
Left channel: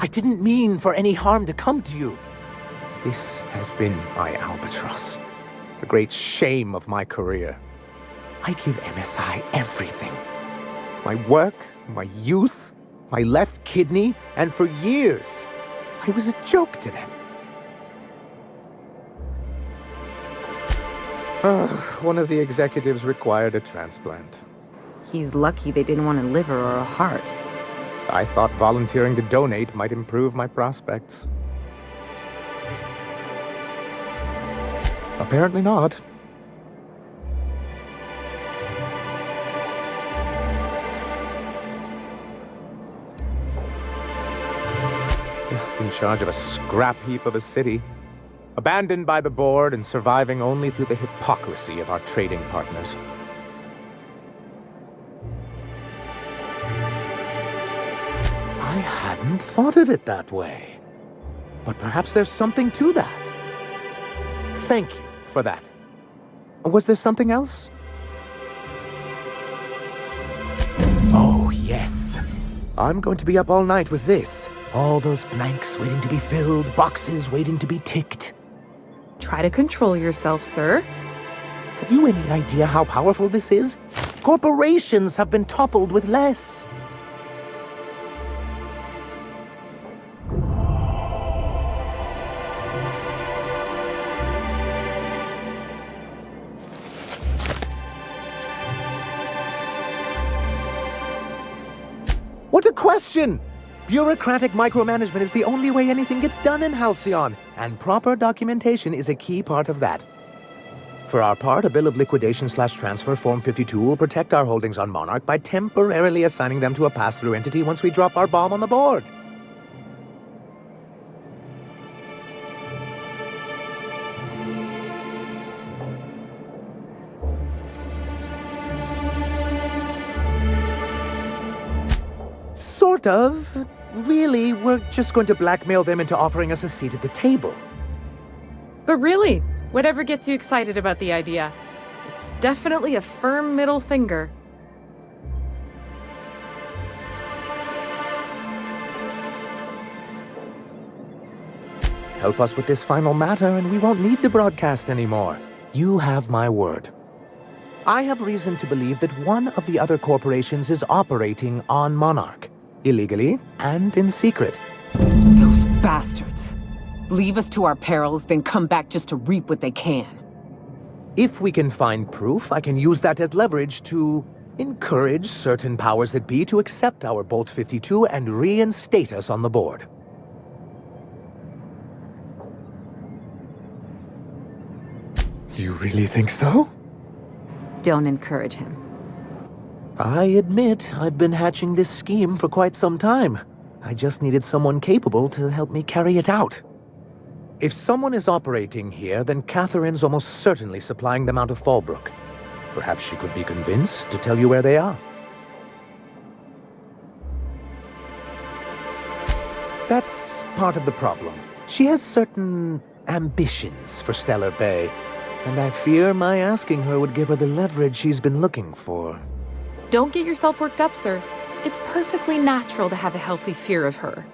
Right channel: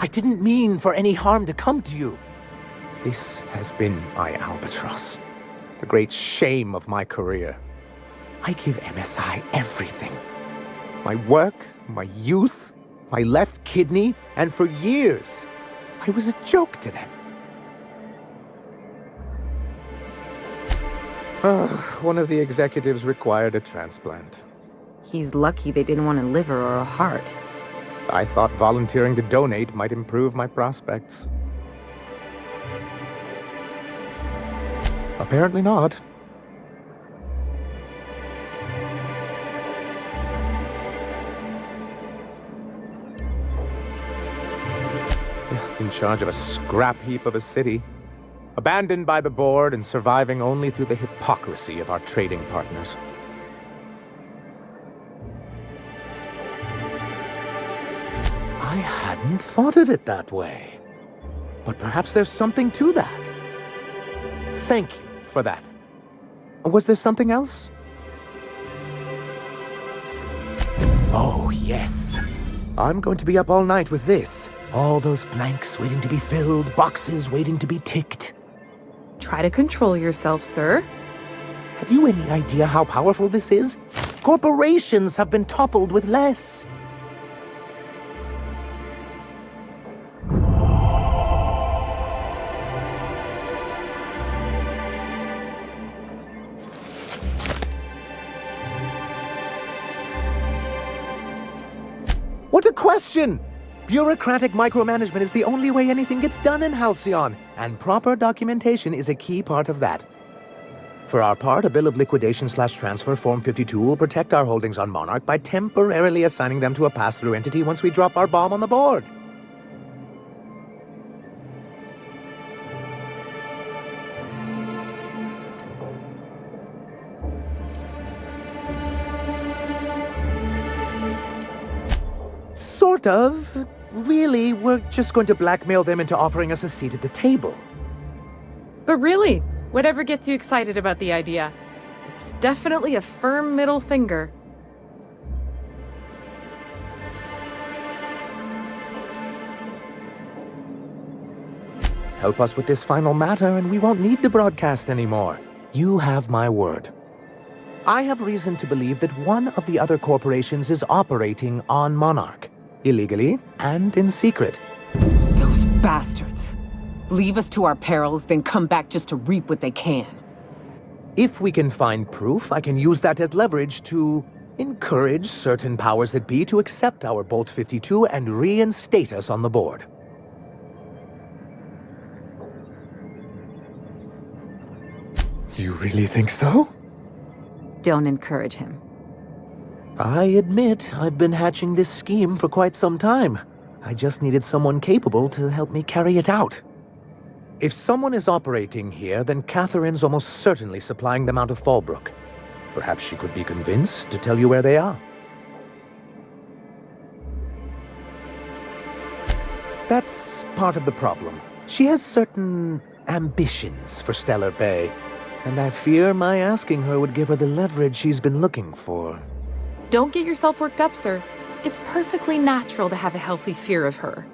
I didn't mean for any harm to come to you. This has been my albatross, the great shame of my career. I give MSI everything. My work, my youth, my left kidney, and for years, I was a joke to them. One of the executives required a transplant. He's lucky they didn't want a liver or a heart. I thought volunteering to donate might improve my prospects. Apparently not. In charge of a scrap heap of a city, abandoned by the board and surviving only through the hypocrisy of our trading partners. I hadn't thought of it that way. But perhaps there's something to that. Thank you for that. Was there something else? Oh, yes. I'm going to be up all night with this. All those blanks waiting to be filled, boxes waiting to be ticked. Try to control yourself, sir. Have you any idea how powerful this is? Corporations have been toppled with less. What a question! Bureaucratic micromanagement is the only way anything gets done in Halcyon, and proper documentation is a key part of that. For our part, a bill of liquidation/transfer Form 52 will protect our holdings on Monarch by temporarily assigning them to a pass-through entity once we drop our bomb on the board. Sort of. Really, we're just going to blackmail them into offering us a seat at the table. But really, whatever gets you excited about the idea, it's definitely a firm middle finger. Help us with this final matter, and we won't need to broadcast anymore. You have my word. I have reason to believe that one of the other corporations is operating on Monarch, illegally and in secret. Those bastards. Leave us to our perils, then come back just to reap what they can. If we can find proof, I can use that as leverage to encourage certain powers that be to accept our Bolt-52 and reinstate us on the board. You really think so? Don't encourage him. I admit I've been hatching this scheme for quite some time. I just needed someone capable to help me carry it out. If someone is operating here, then Catherine's almost certainly supplying them out of Fallbrook. Perhaps she could be convinced to tell you where they are. That's part of the problem. She has certain ambitions for Stellar Bay, and I fear my asking her would give her the leverage she's been looking for. Don't get yourself worked up, sir. It's perfectly natural to have a healthy fear of her.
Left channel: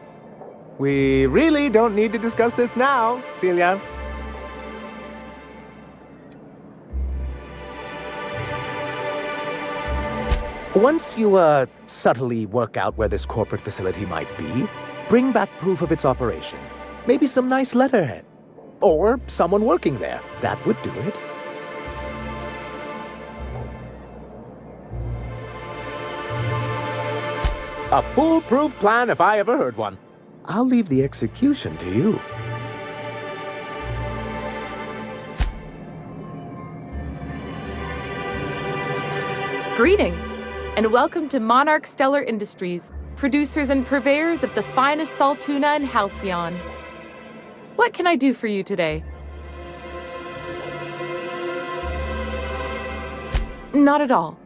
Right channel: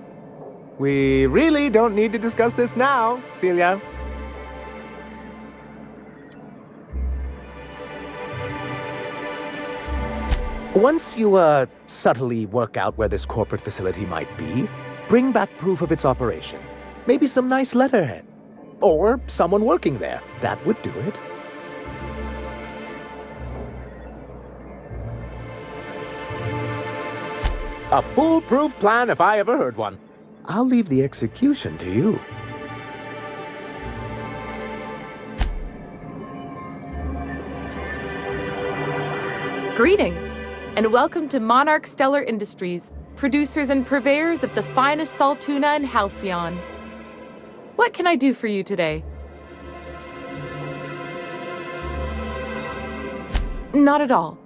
We really don't need to discuss this now, Celia. Once you, subtly work out where this corporate facility might be, bring back proof of its operation. Maybe some nice letterhead. Or someone working there. That would do it. A foolproof plan if I ever heard one. I'll leave the execution to you. Greetings, and welcome to Monarch Stellar Industries, producers and purveyors of the finest salt tuna in Halcyon. What can I do for you today? Not at all.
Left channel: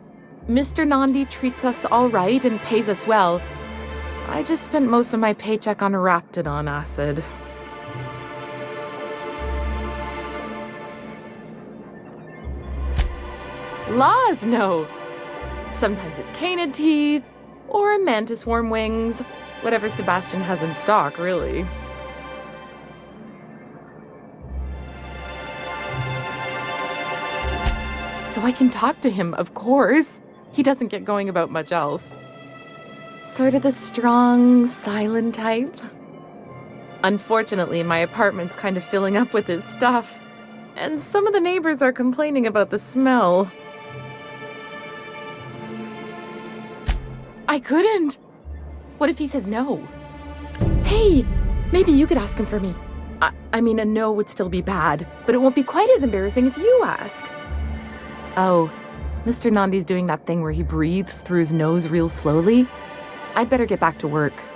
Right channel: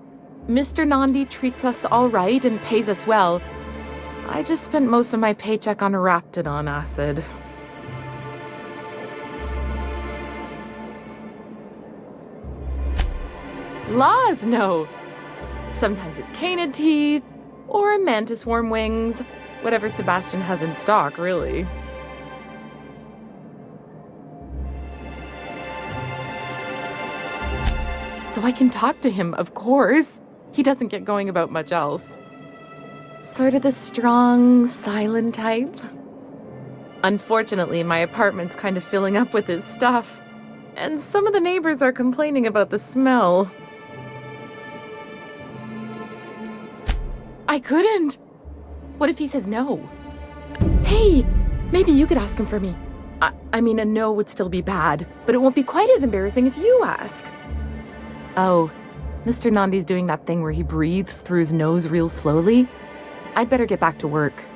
Mr. Nandi treats us all right and pays us well. I just spent most of my paycheck on Raptidon acid. Laws, no. Sometimes it's canid teeth, or mantis worm wings. Whatever Sebastian has in stock, really. So I can talk to him, of course. He doesn't get going about much else. Sort of the strong, silent type. Unfortunately, my apartment's kind of filling up with his stuff, and some of the neighbors are complaining about the smell. I couldn't. What if he says no? Hey, maybe you could ask him for me. I mean, a no would still be bad, but it won't be quite as embarrassing if you ask. Oh, Mr. Nandi's doing that thing where he breathes through his nose real slowly. I'd better get back to work.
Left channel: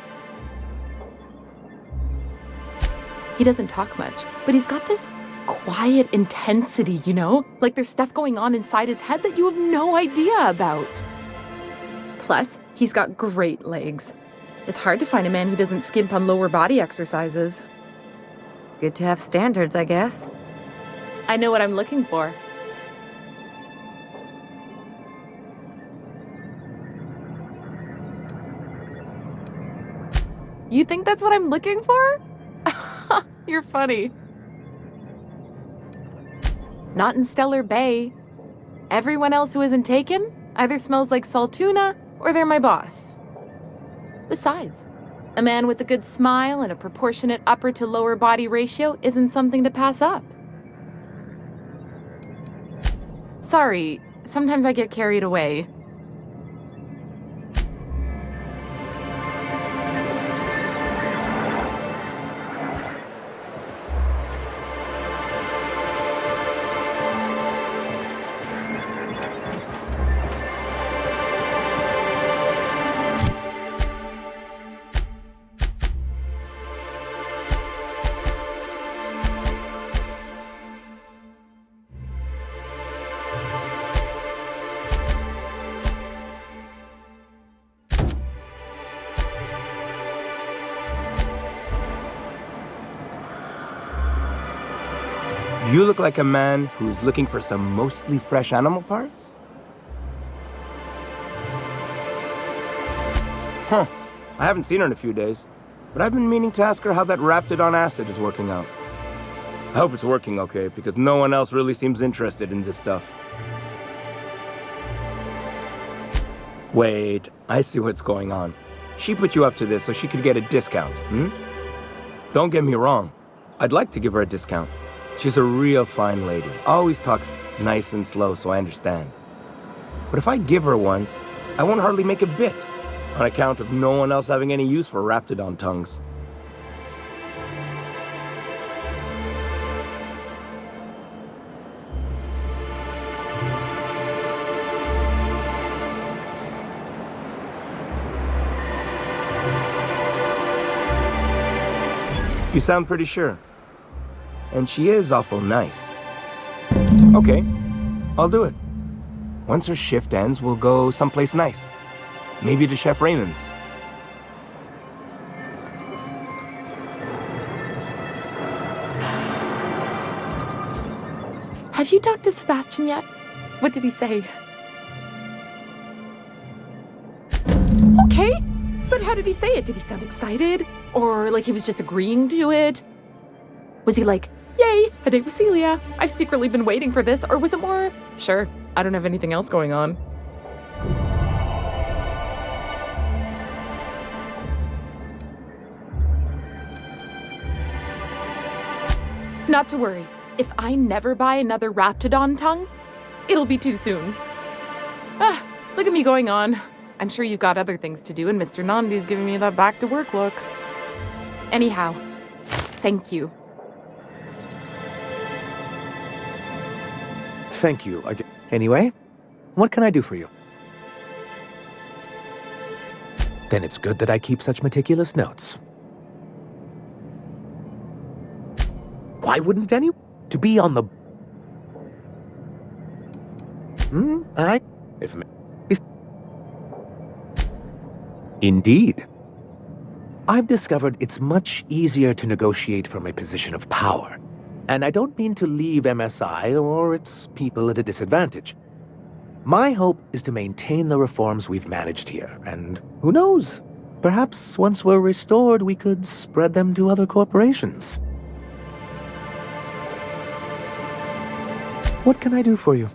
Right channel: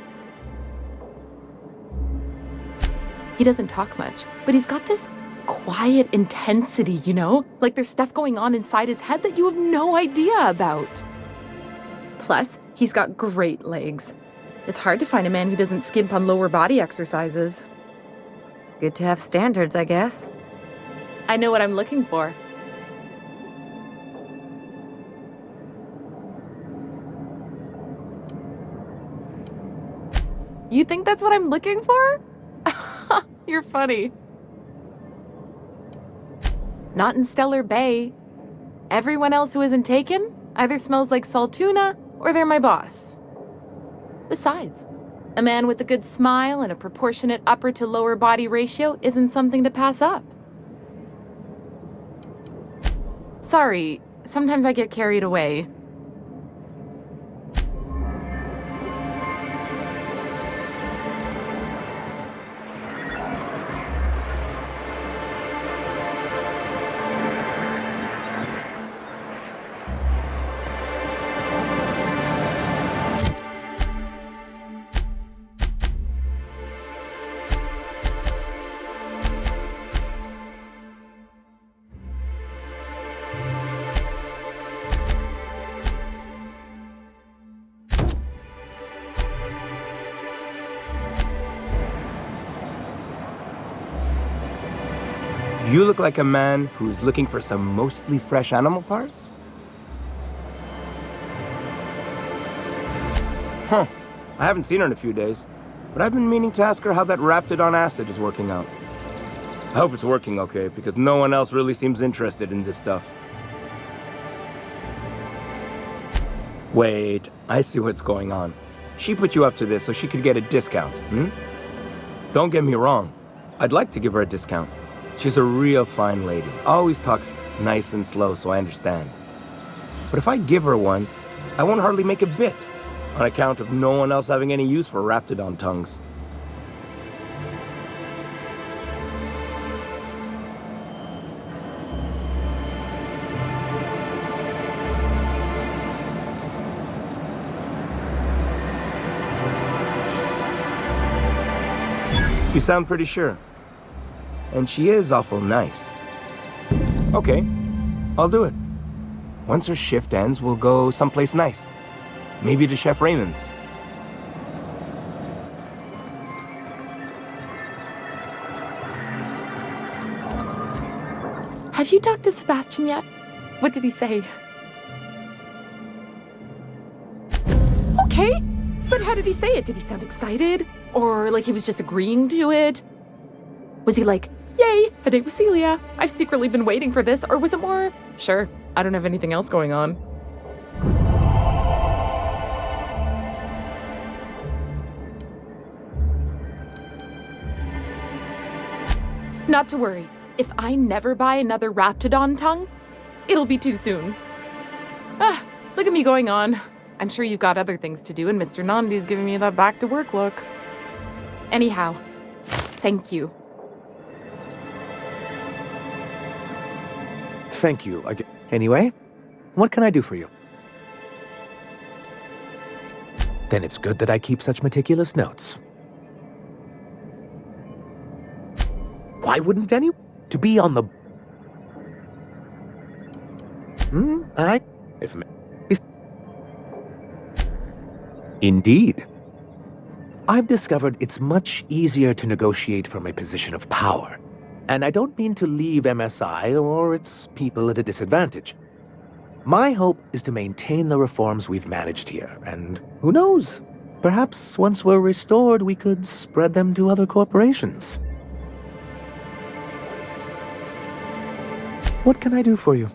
He doesn't talk much, but he's got this quiet intensity, you know? Like there's stuff going on inside his head that you have no idea about. Plus, he's got great legs. It's hard to find a man who doesn't skimp on lower body exercises. Good to have standards, I guess. I know what I'm looking for. You think that's what I'm looking for? You're funny. Not in Stellar Bay. Everyone else who isn't taken either smells like salt tuna or they're my boss. Besides, a man with a good smile and a proportionate upper to lower body ratio isn't something to pass up. Sorry, sometimes I get carried away. You look like a man who's looking for some mostly fresh animal parts? Huh. I haven't seen her in a few days. but I've been meaning to ask her how that Raptidon acid is working out. I hope it's working okay, because no one else really seems interested in this stuff. Wait, I see what's going on. She put you up to this so she could get a discount, hmm? Don't get me wrong. I'd like to give her a discount. She's a real fine lady. Always talks nice and slow, so I understand. But if I give her one, I won't hardly make a bit, on account of no one else having any use for Raptidon tongues. You sound pretty sure. And she is awful nice. Okay, I'll do it. Once her shift ends, we'll go someplace nice. Maybe to Chef Raymond's. Have you talked to Sebastian yet? What did he say? Okay, but how did he say it? Did he sound excited? Or like he was just agreeing to it? Was he like, yay, a date with Celia. I've secretly been waiting for this. Or was it more, sure, I don't have anything else going on. Not to worry. If I never buy another Raptidon tongue, it'll be too soon. Ah, look at me going on. I'm sure you've got other things to do, and Mr. Nandi's giving me that back-to-work look. Anyhow, thank you. Thank you. Anyway, what can I do for you? Then it's good that I keep such meticulous notes. Why wouldn't any... to be on the... If... Indeed. I've discovered it's much easier to negotiate from a position of power. And I don't mean to leave MSI or its people at a disadvantage. My hope is to maintain the reforms we've managed here, and who knows? Perhaps once we're restored, we could spread them to other corporations. What can I do for you?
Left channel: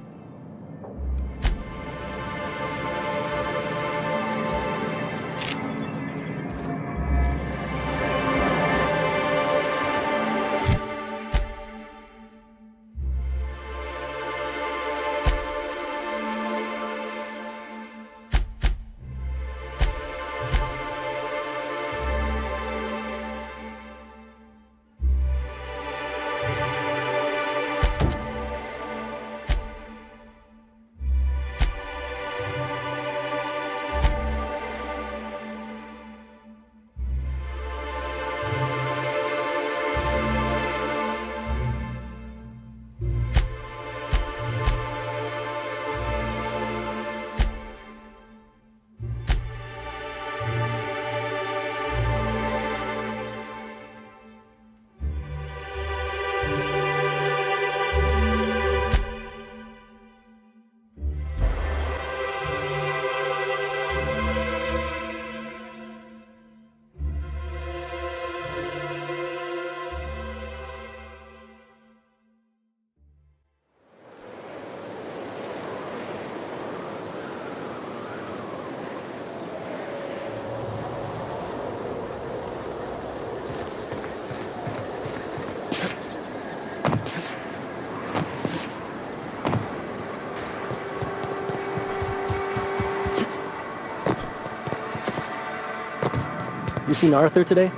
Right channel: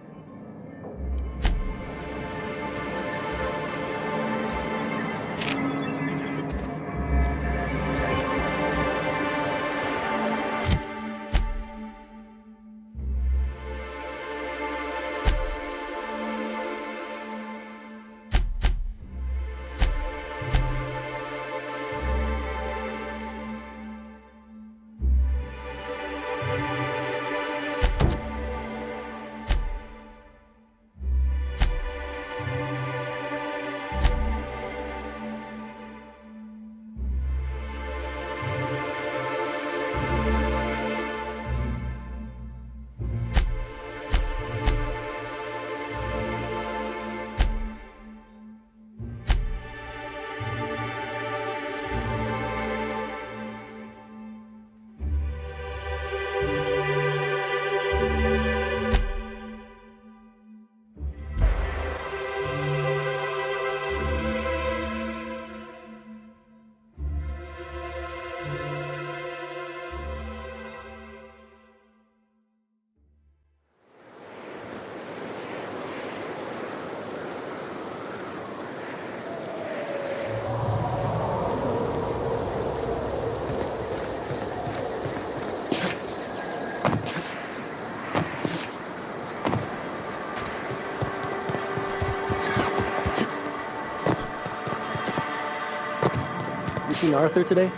You seen Arthur today?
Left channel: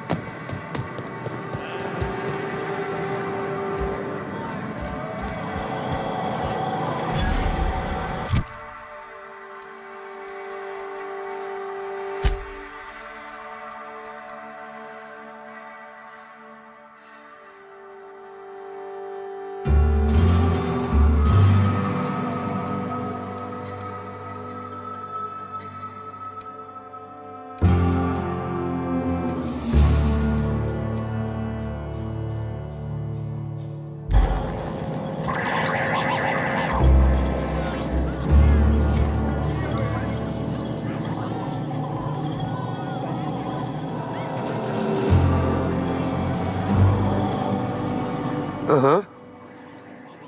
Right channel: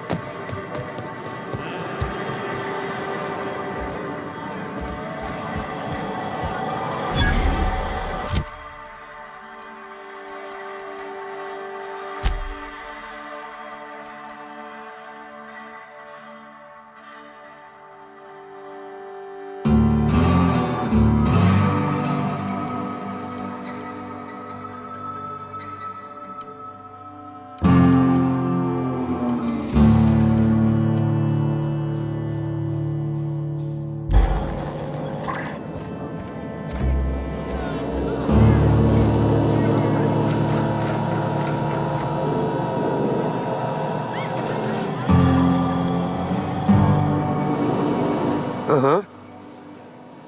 Uh-huh.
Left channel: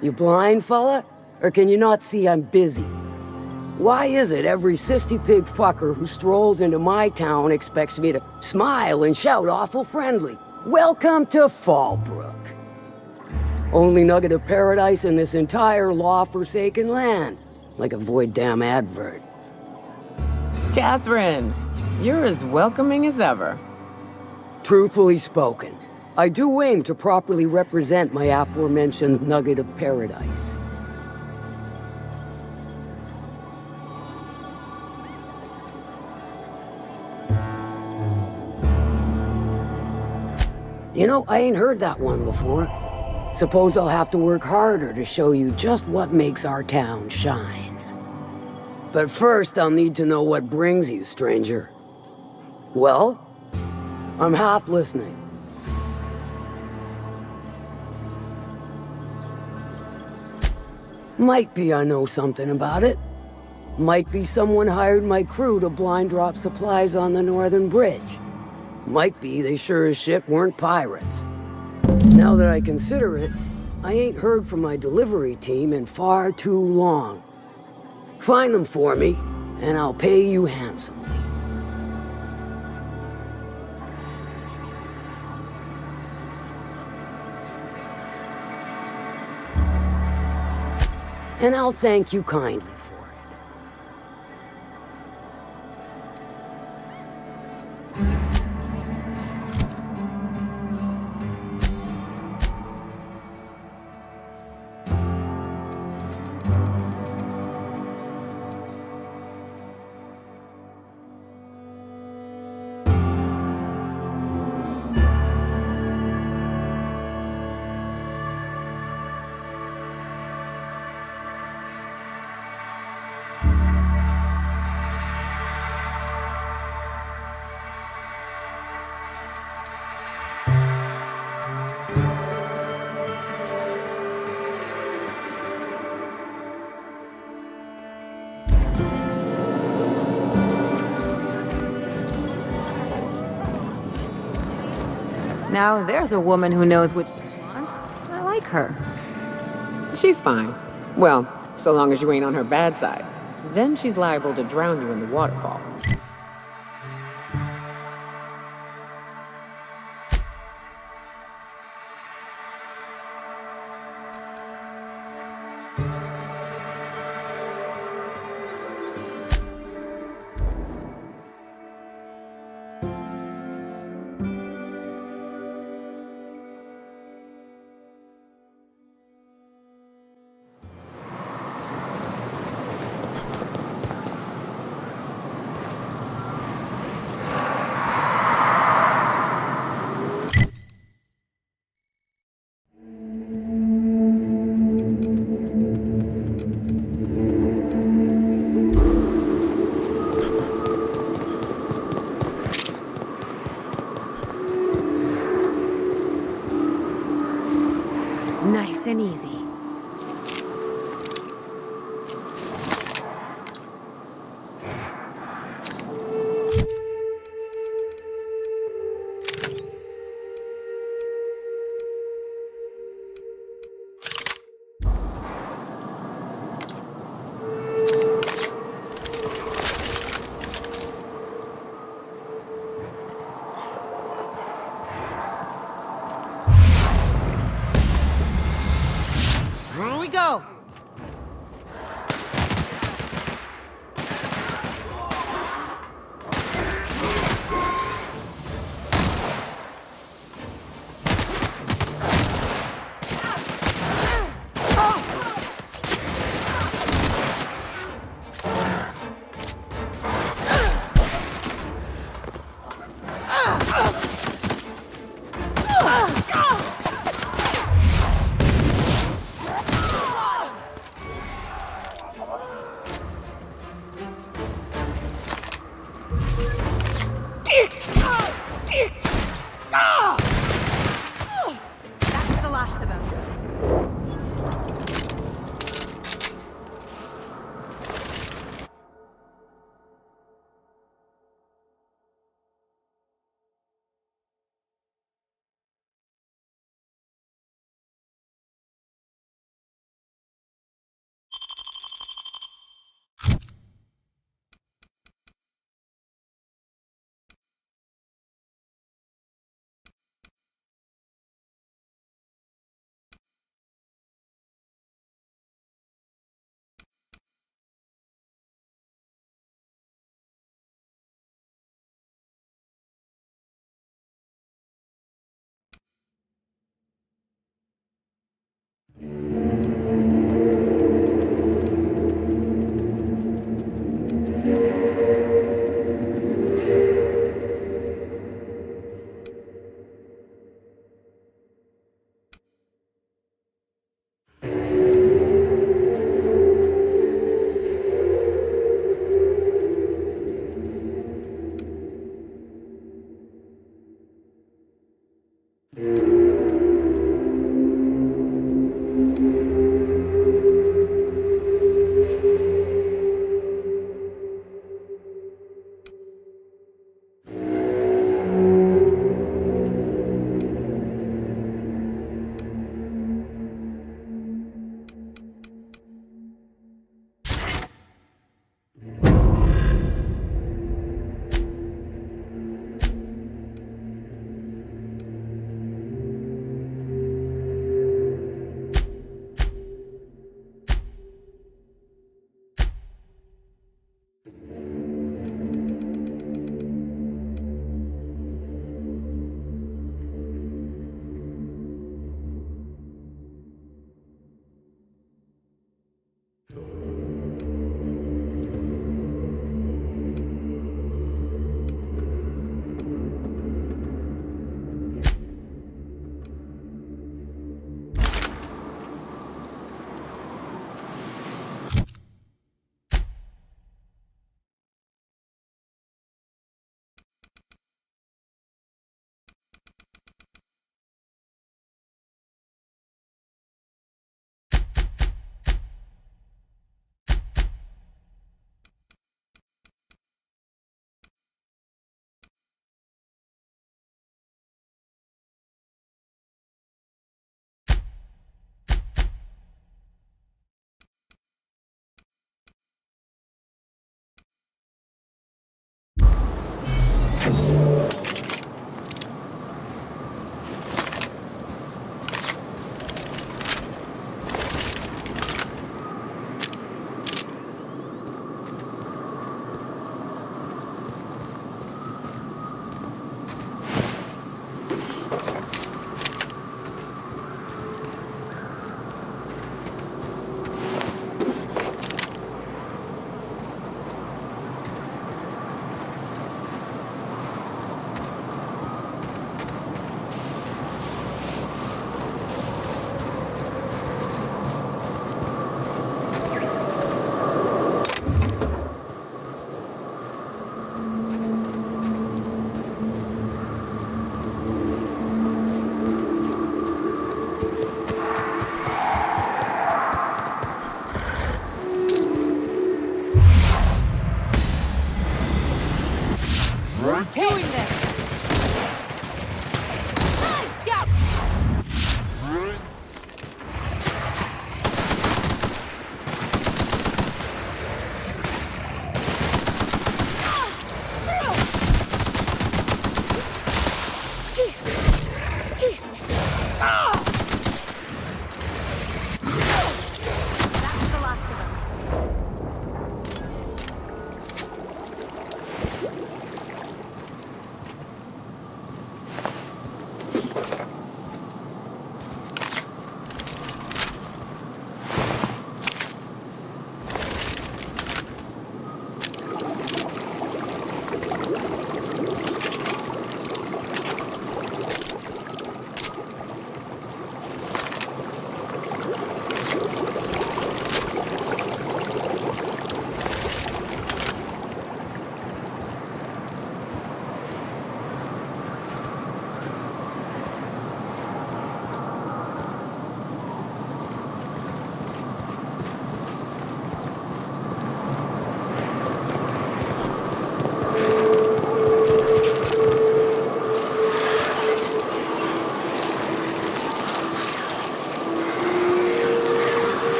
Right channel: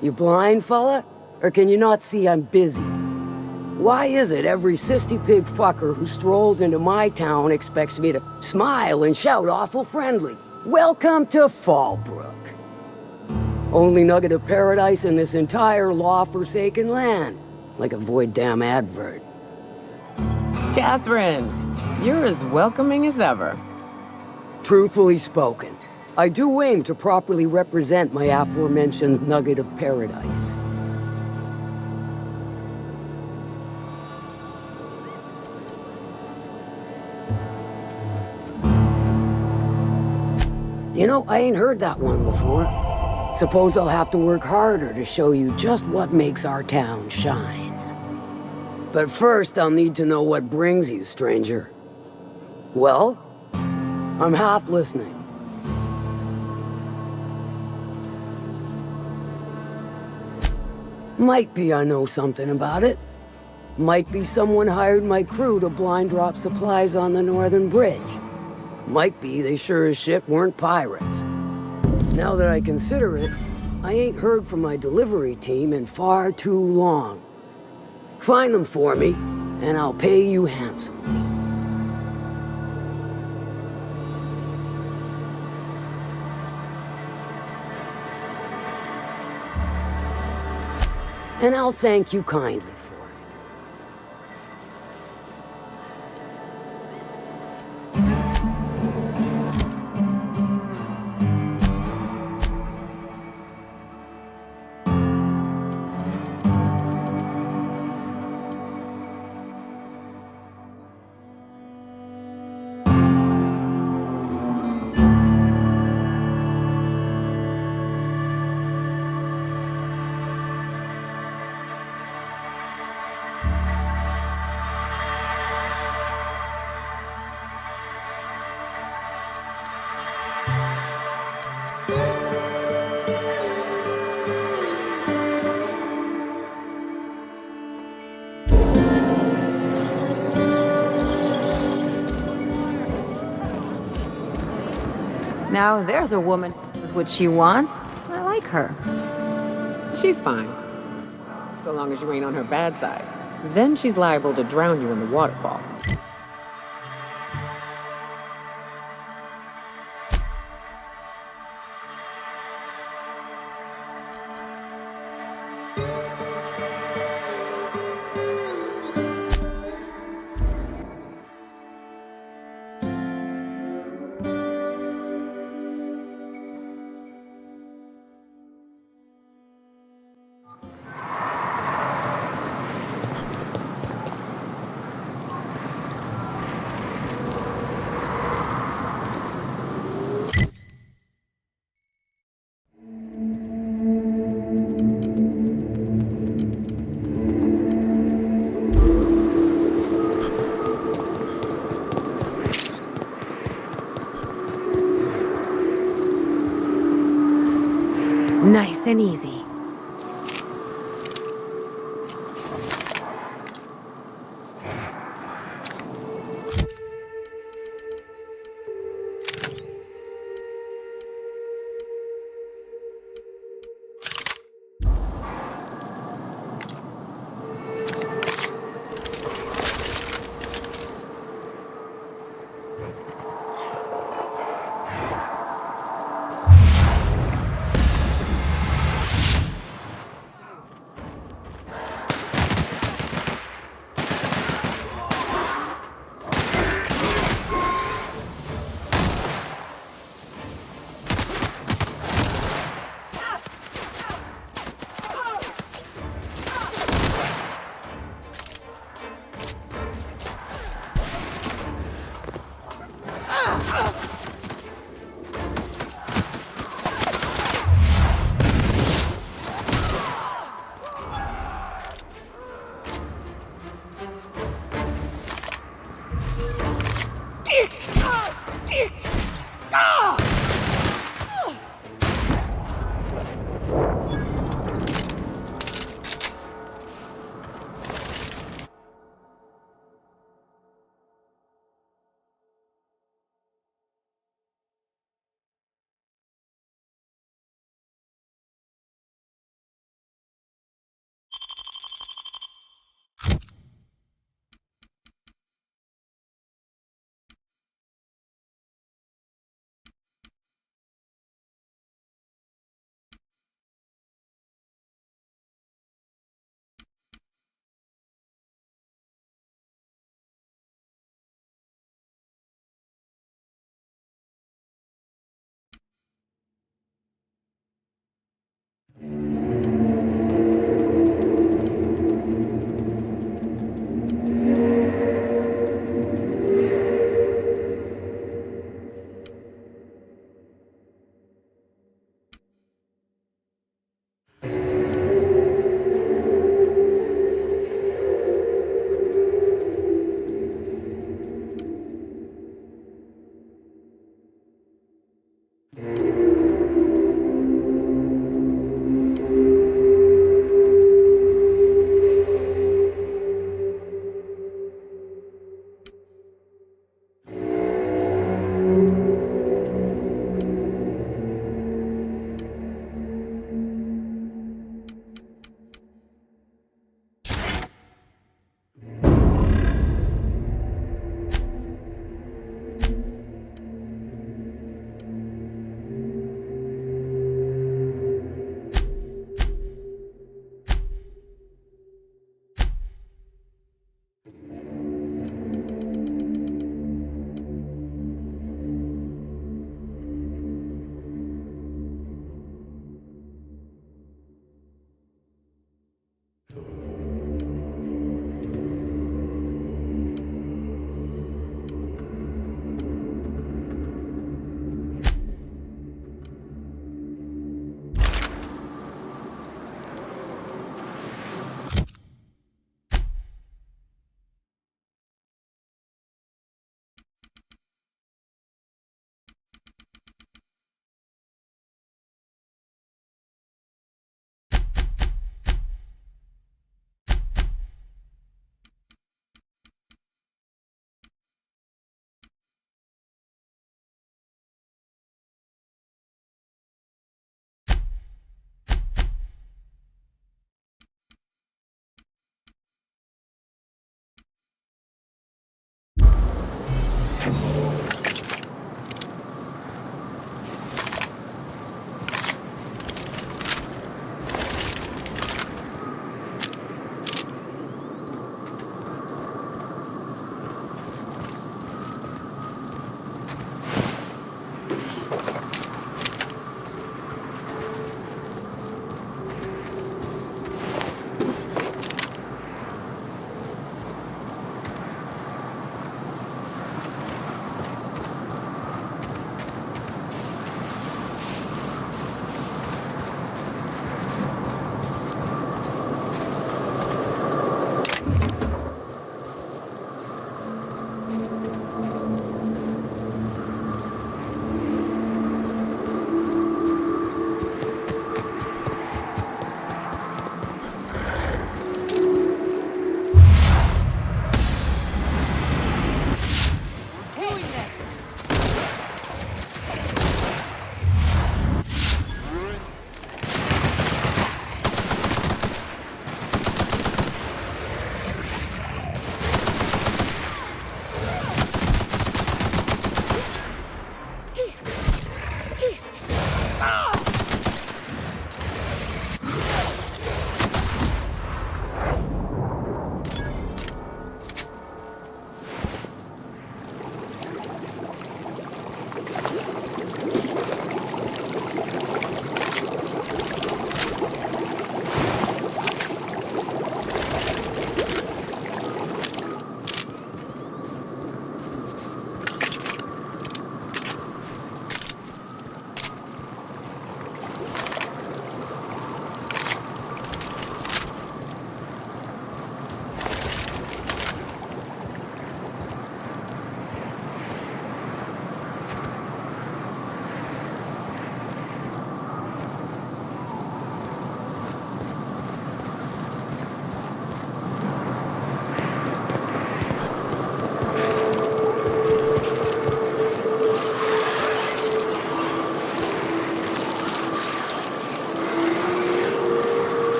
You blind, fella? Or can you not see I'm busy? Why is it every sissy pig fucker who strolls into my town expects me to smile and shout awful friendly? Welcome to Fallbrook. Only nugget of paradise in this entire law-forsaken land. Like a void damn advert. Catherine, you're as welcoming as ever. Truthfully spoken, I do aim to properly represent my aforementioned nugget of paradise. You know, I ain't heard that one before. Suppose I'll have to work harder to show you just what makes our town shine. But first, I'll need to know what brings you, stranger. Well, I'm half listening. Might be I know something about it. Might be someone hired my crew to blind drop supplies on the Northern Bridge. Might be they sure as shit weren't pirates. Now that I consider it, I ain't heard from my delivery team in far too long. Find them for me, and I'll pay you handsomely. And I'll thank you kindly for it. Now there's a woman who knows what she wants. I like her. She's fine. Well, so long as you ain't on her bad side. Then she's liable to drown you in the waterfall. Nice and easy.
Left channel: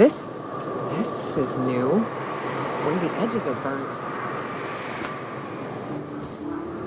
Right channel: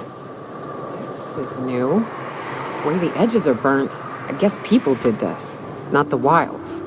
This is new. The way the edges are burnt. I guess people did this, not the wilds.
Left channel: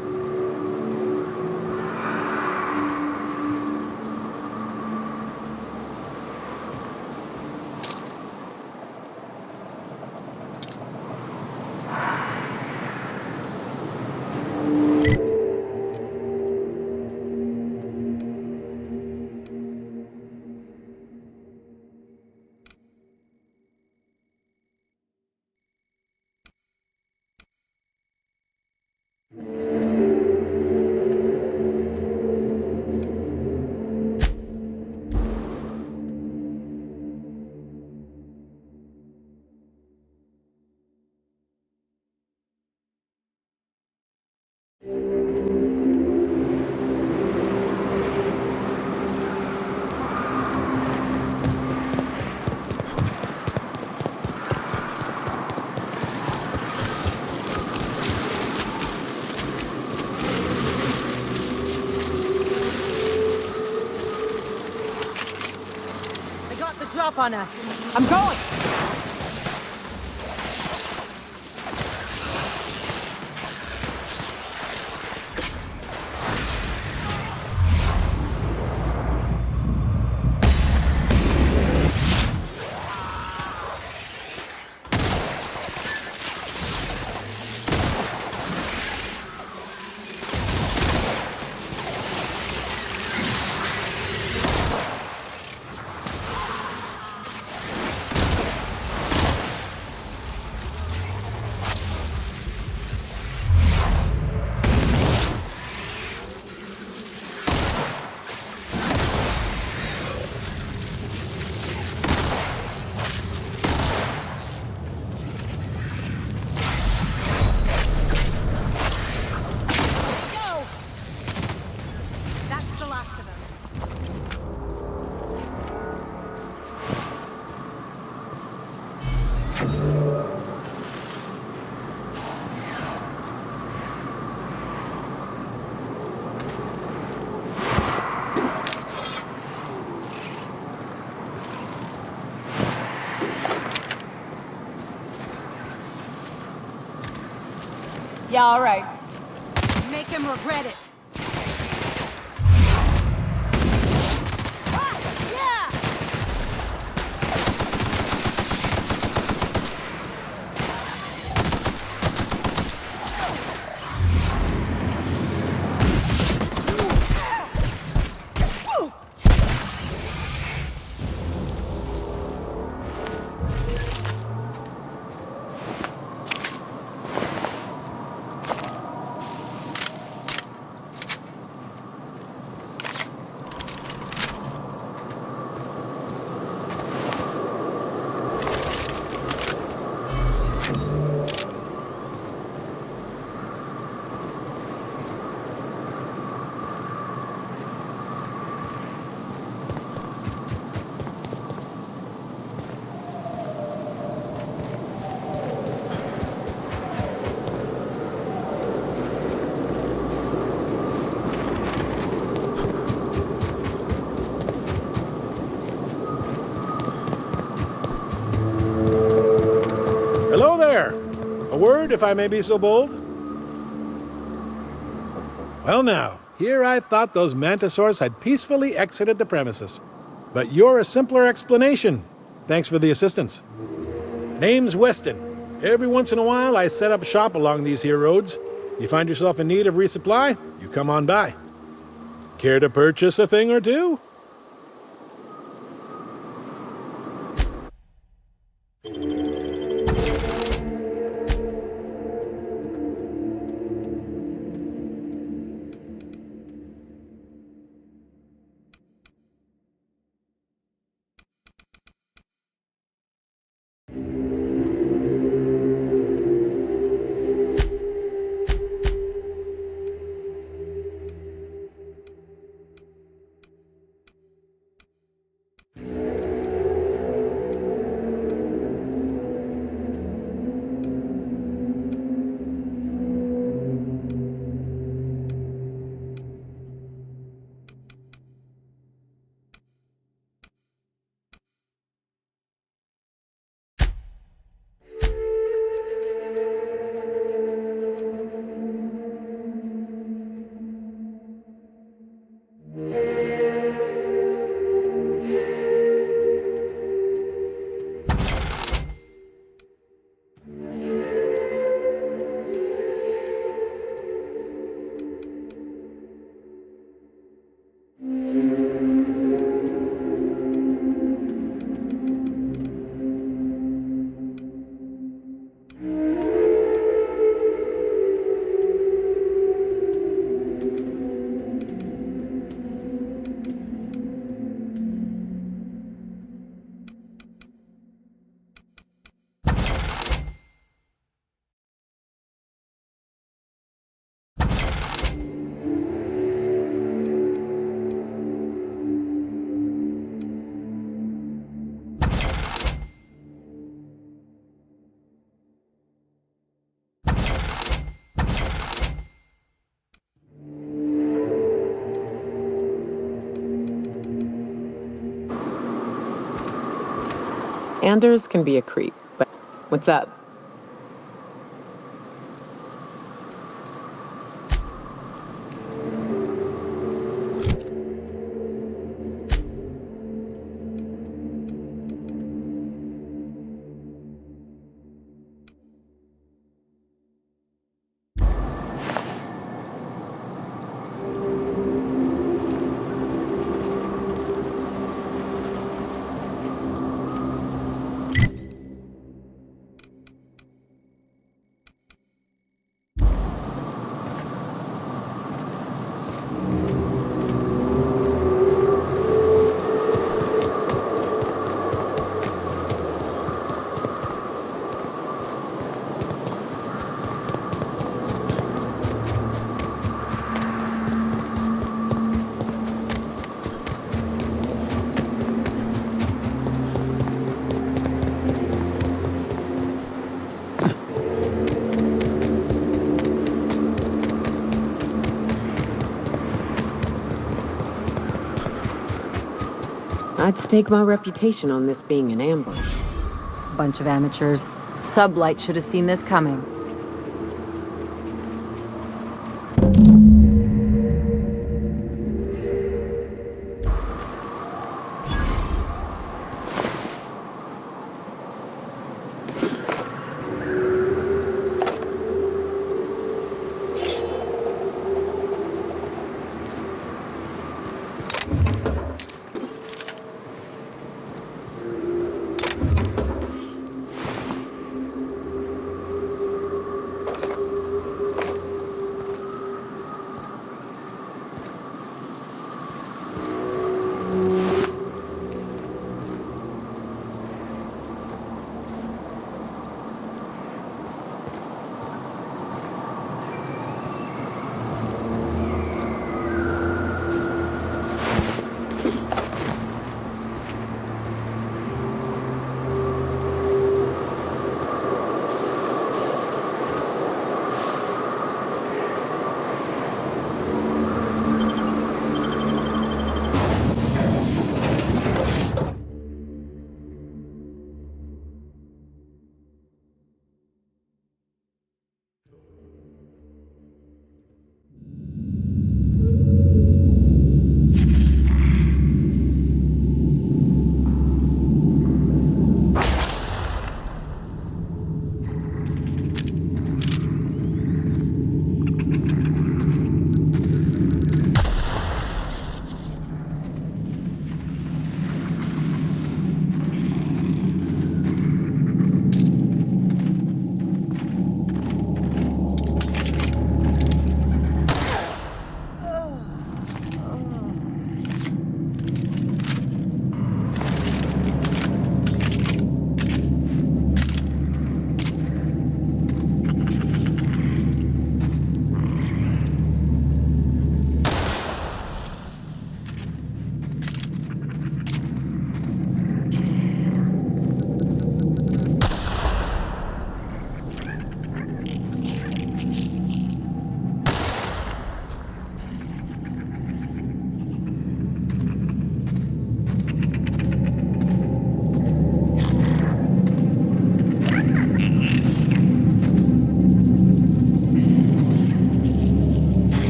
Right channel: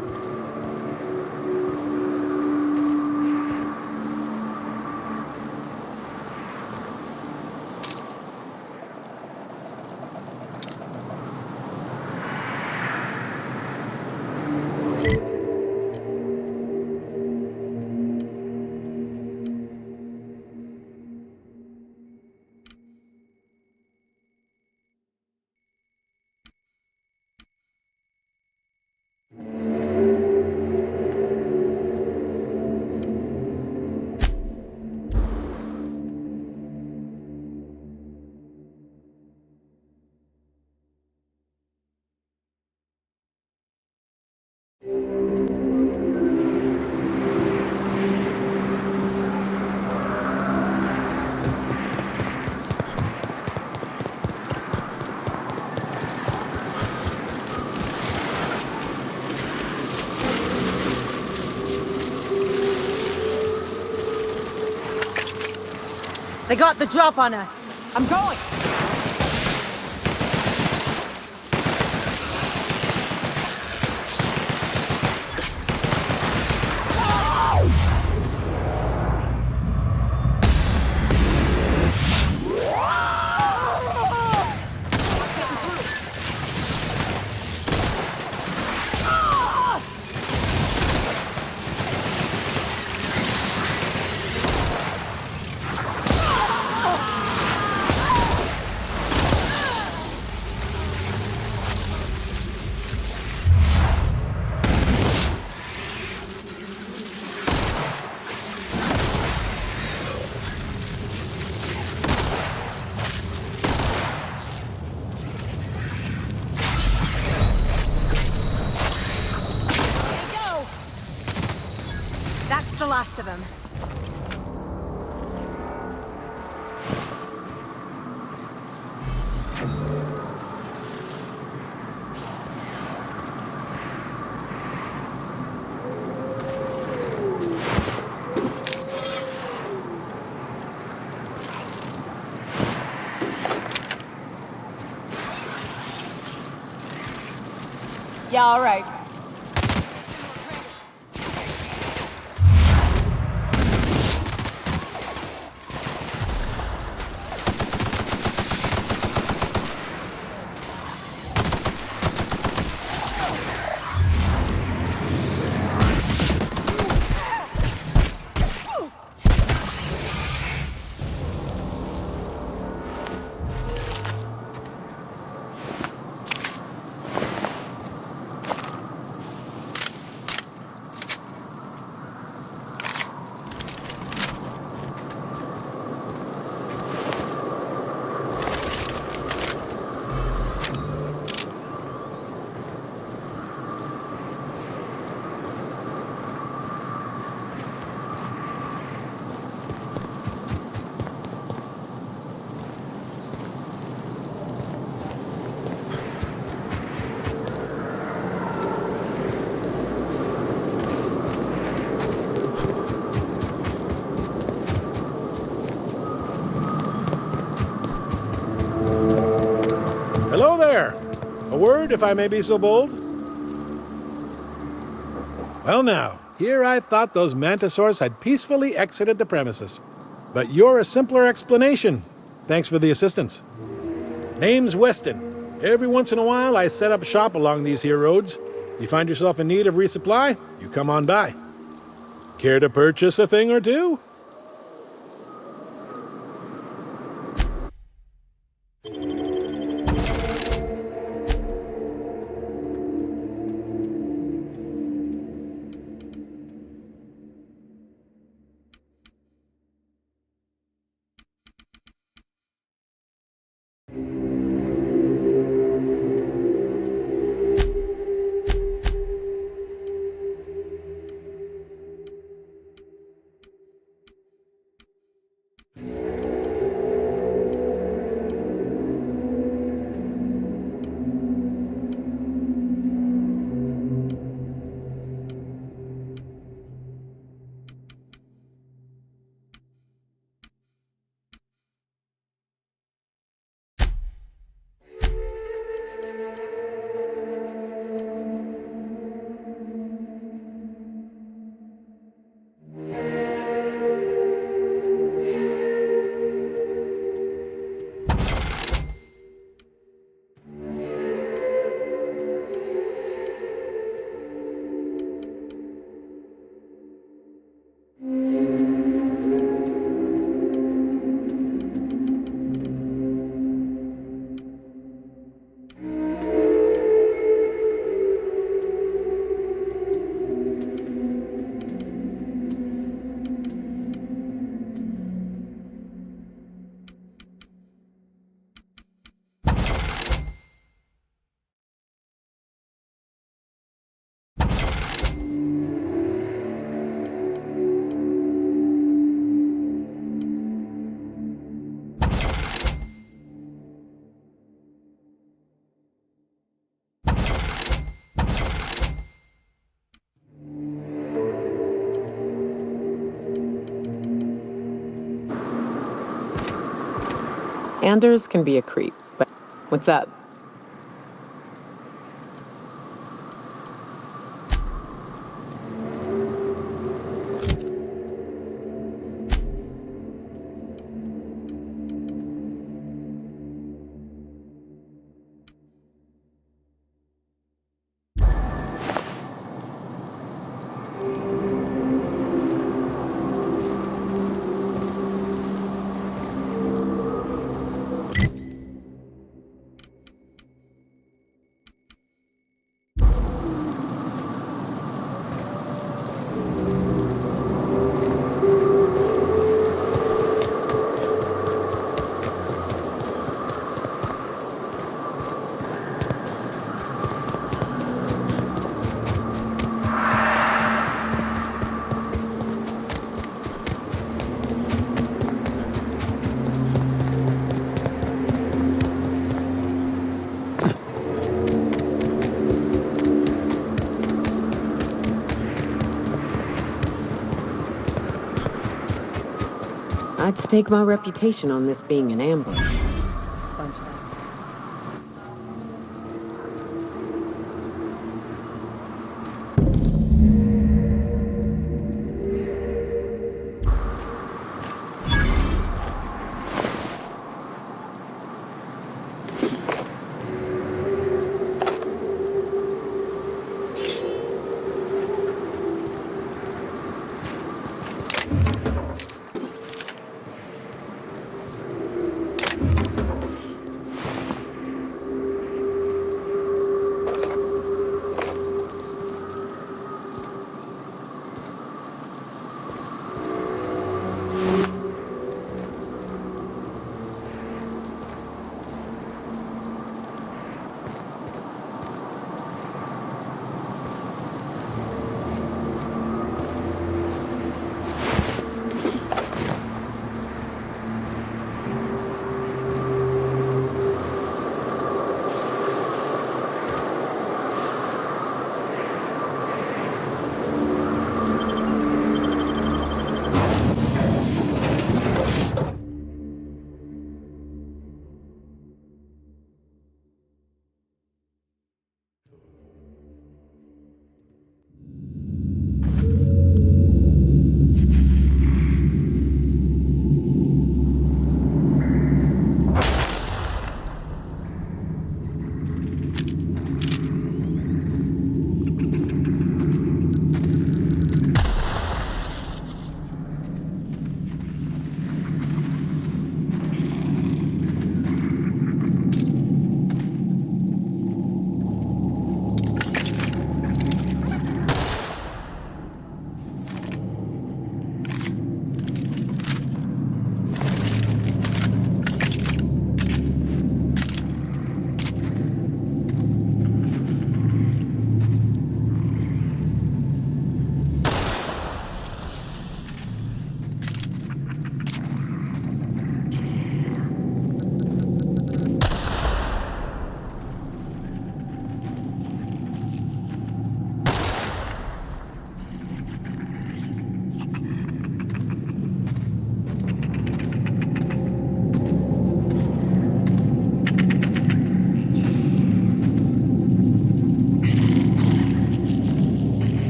They got the drop on us. I'm going! That's the last of them. Yeah, all right. Make him regret it. Hello there! A word, if I may be so bold? Well now, here I thought those mantisaurs had peacefully exited the premises. But you're a simpler explanation. Thanks for the assistance. Name's Weston. Every once in a while I set up shop along these here roads. You find yourself in need of resupply, you come on by. Care to purchase a thing or two? Anders can be a creep, but what's up? I'd stake my reputation on this being an ambush. Bunch of amateurs. Sublight should have seen this coming.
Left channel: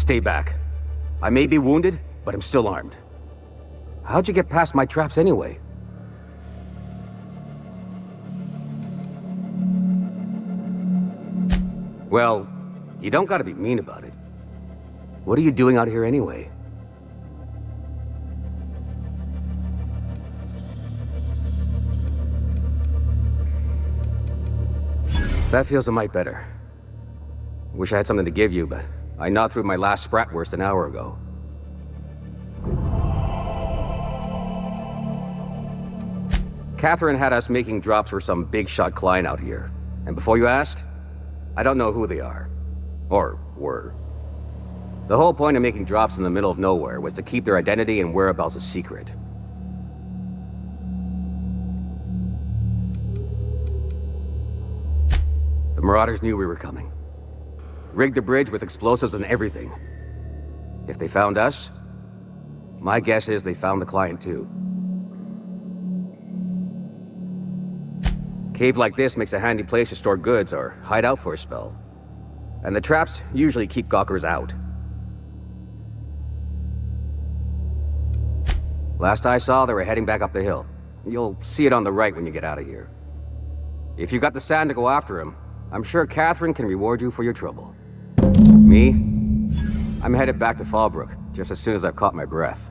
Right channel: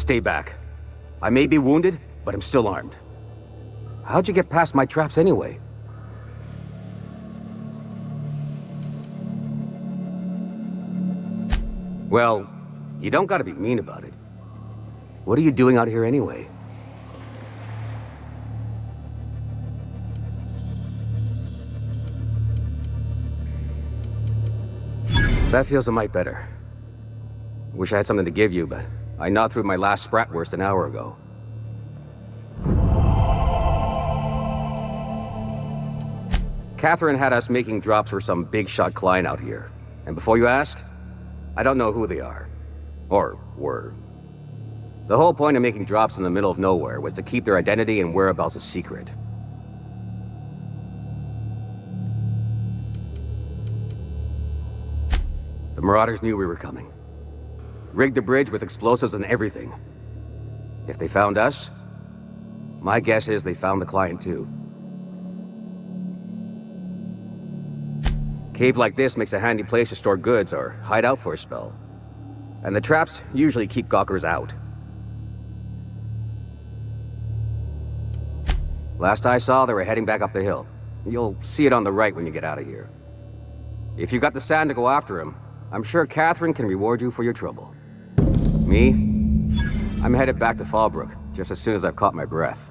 Stay back. I may be wounded, but I'm still armed. How'd you get past my traps anyway? Well, you don't gotta be mean about it. What are you doing out here anyway? That feels a mite better. Wish I had something to give you, but I gnawed through my last Spratwurst an hour ago. Catherine had us making drops for some big-shot client out here. And before you ask, I don't know who they are. Or were. The whole point of making drops in the middle of nowhere was to keep their identity and whereabouts a secret. The Marauders knew we were coming. Rigged the bridge with explosives and everything. If they found us, my guess is they found the client too. Cave like this makes a handy place to store goods or hide out for a spell. And the traps usually keep gawkers out. Last I saw, they were heading back up the hill. You'll see it on the right when you get out of here. If you got the sand to go after him, I'm sure Catherine can reward you for your trouble. Me? I'm headed back to Fallbrook, just as soon as I've caught my breath.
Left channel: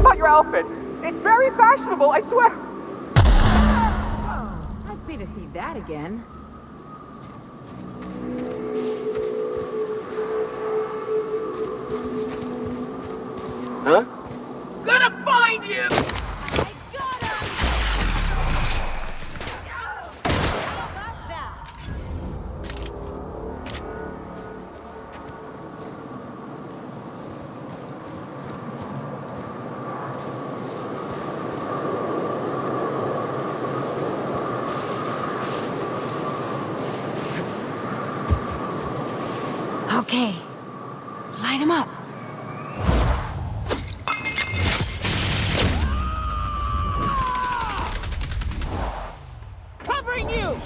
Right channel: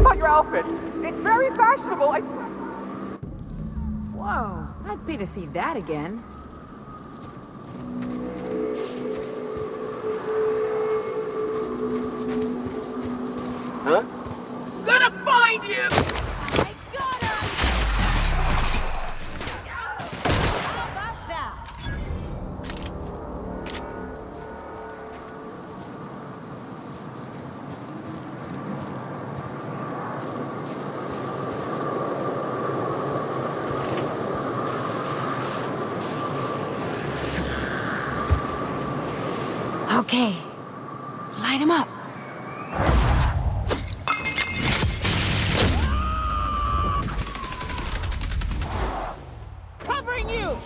About your outfit. It's very fashionable, I swear. Whoa, I'd pay to see that again. Huh? Gonna find you! I got him! How about that? Okay, light him up. Covering you!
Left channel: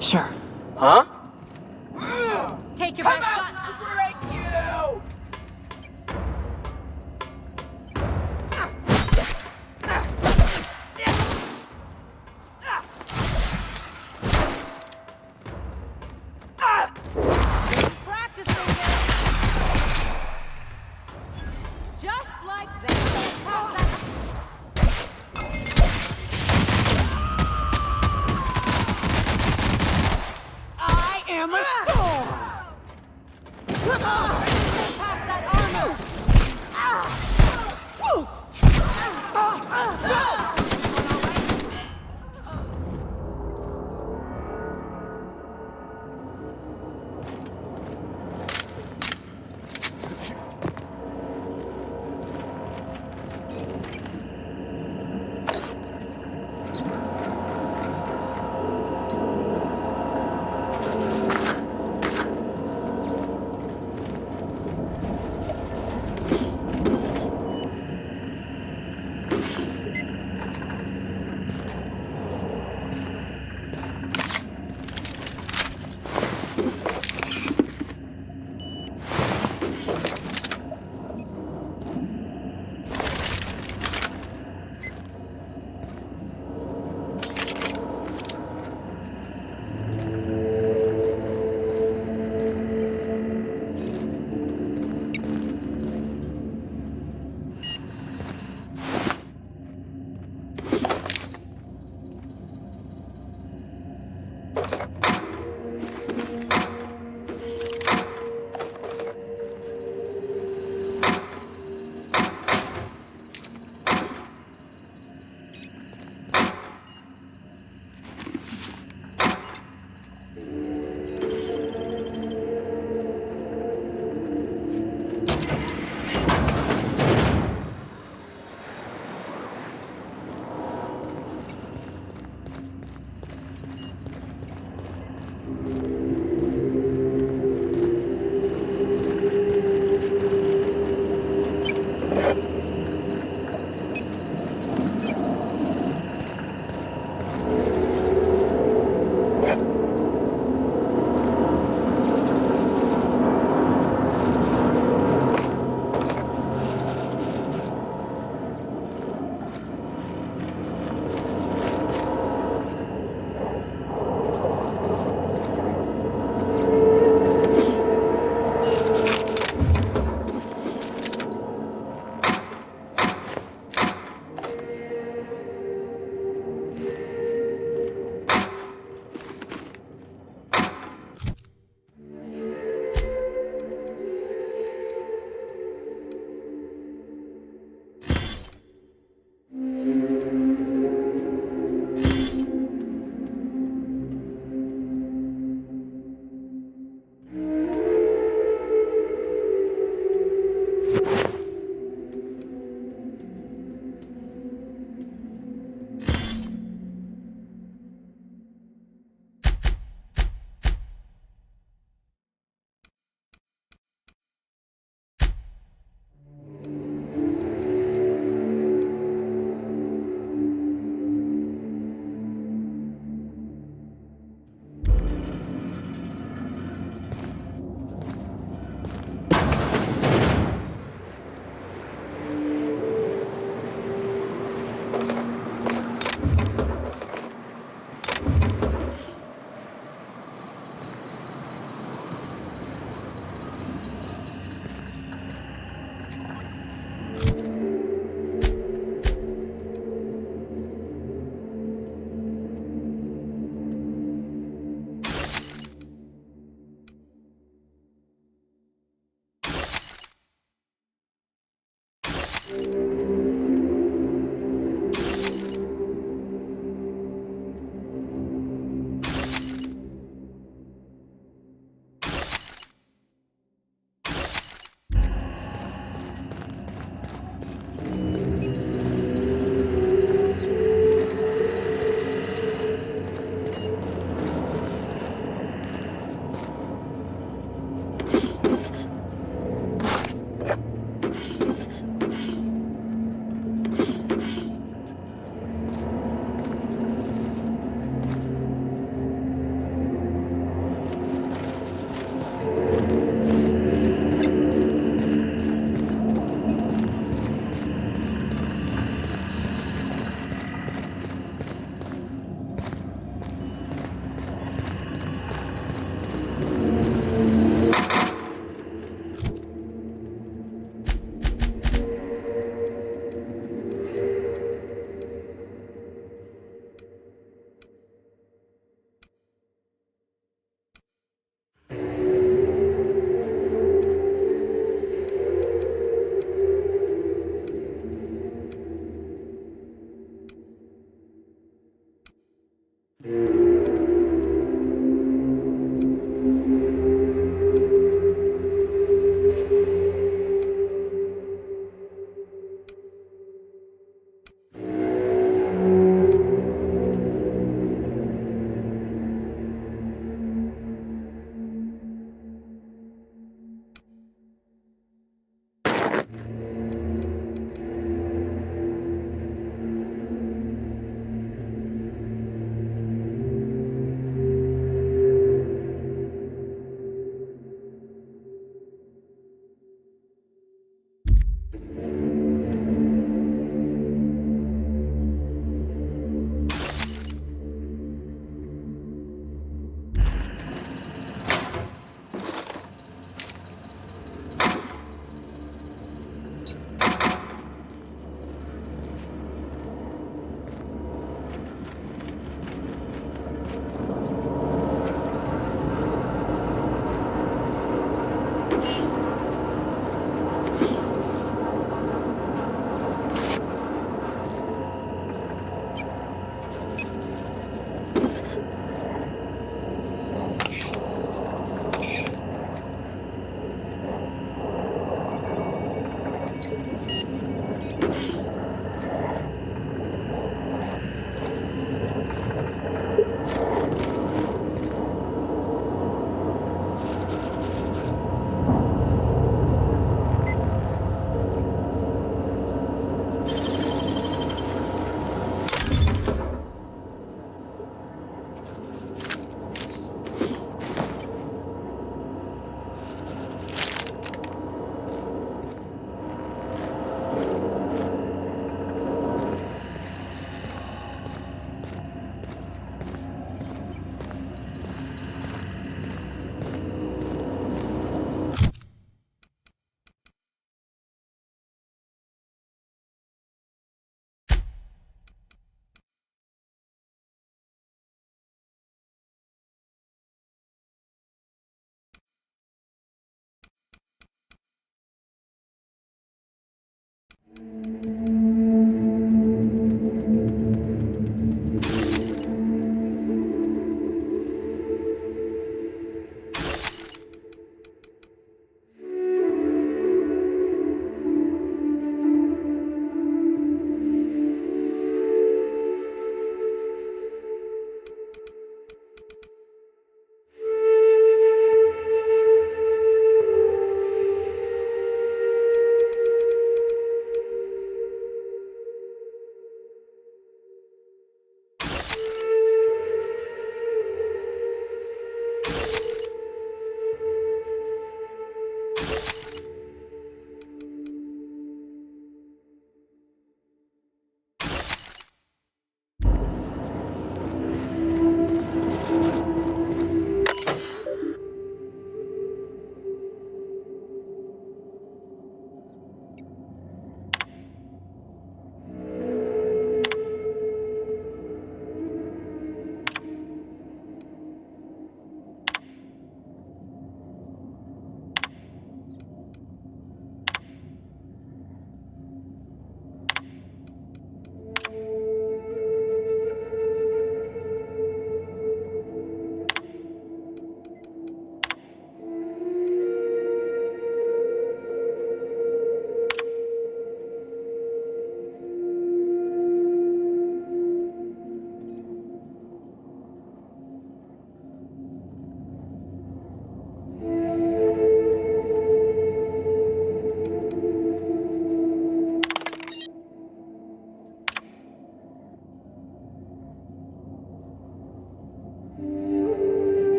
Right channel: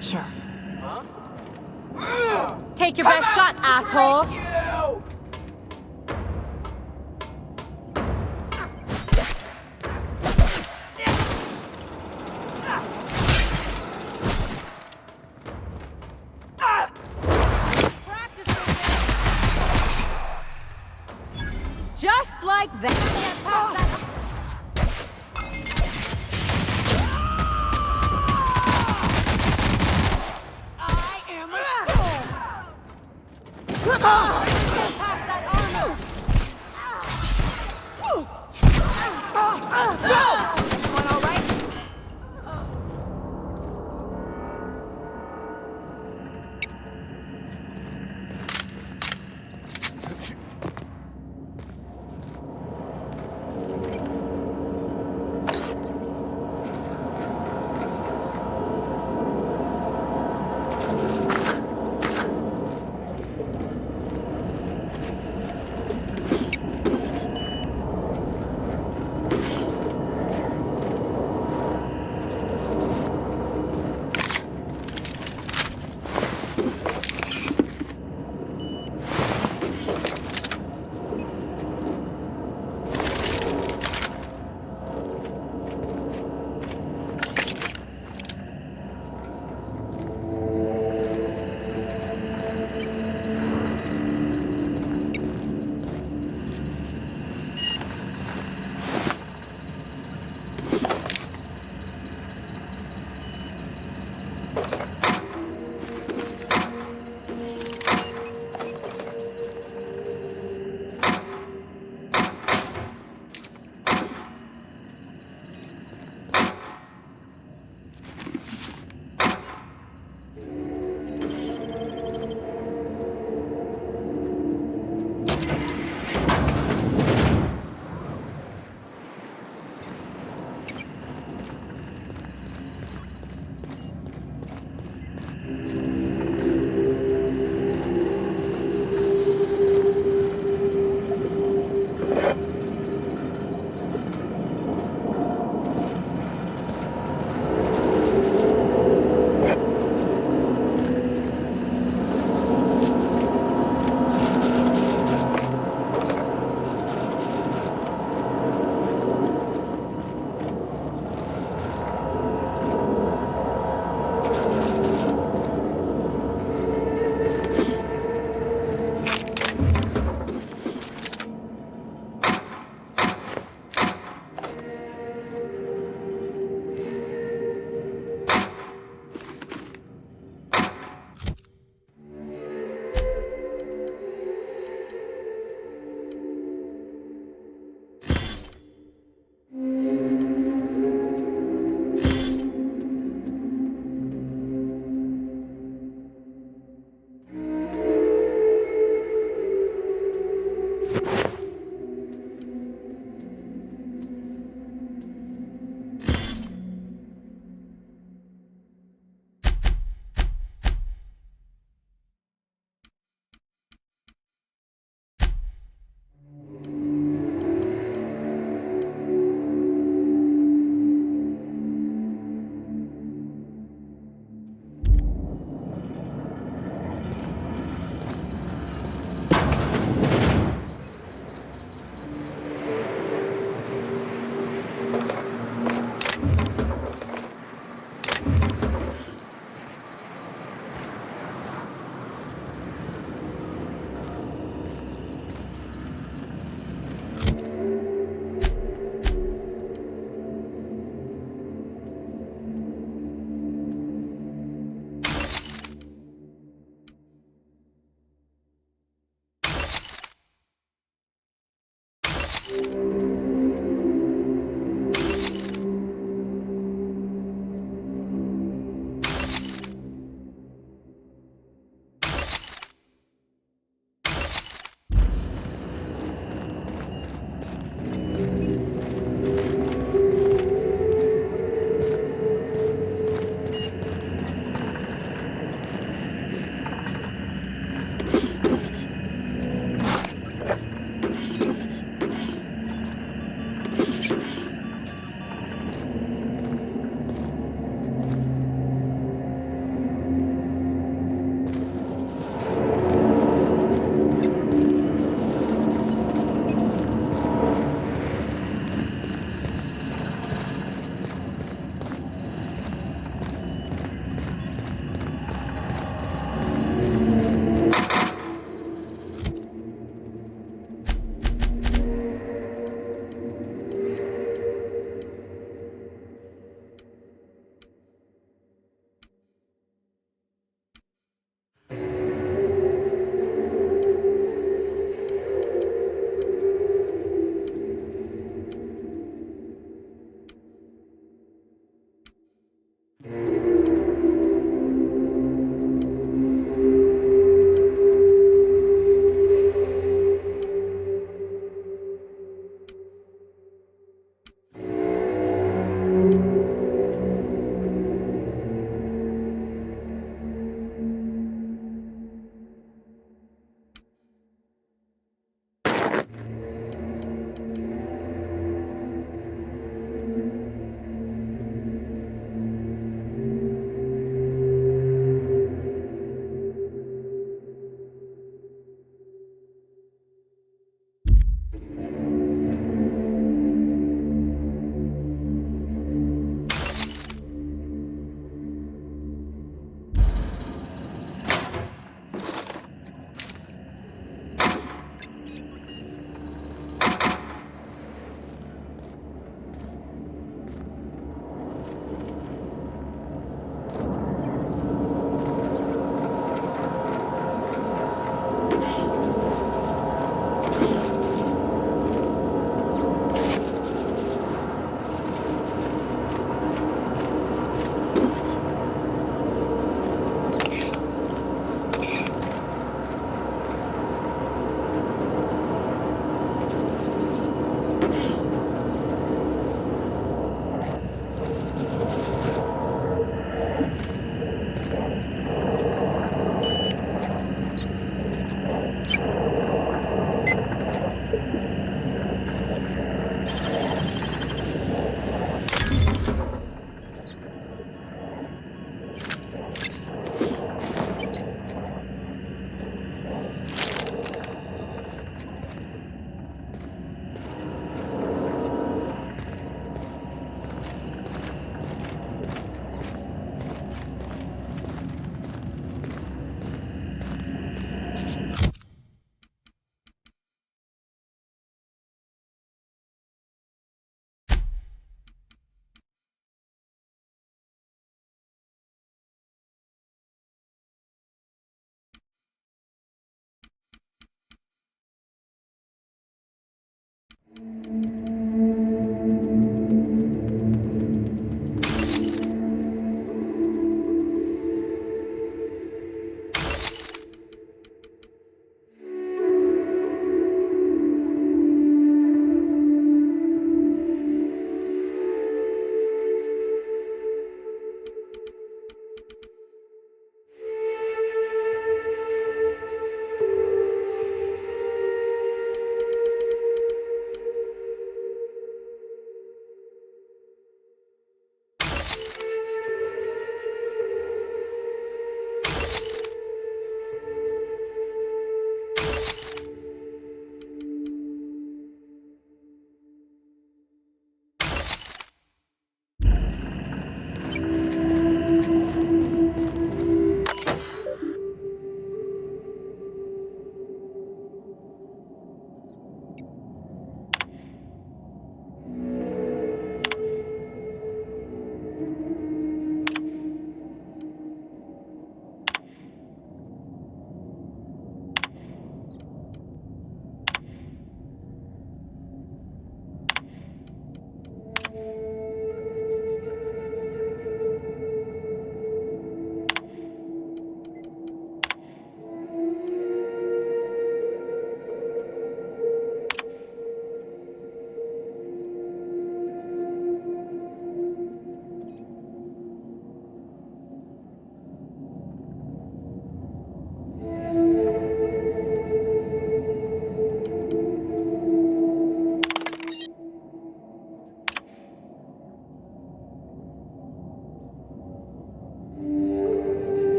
Sure. Huh? Take your best shot, asshole! Thank you! Just like that. I am a storm! Past that armor! Everyone all right?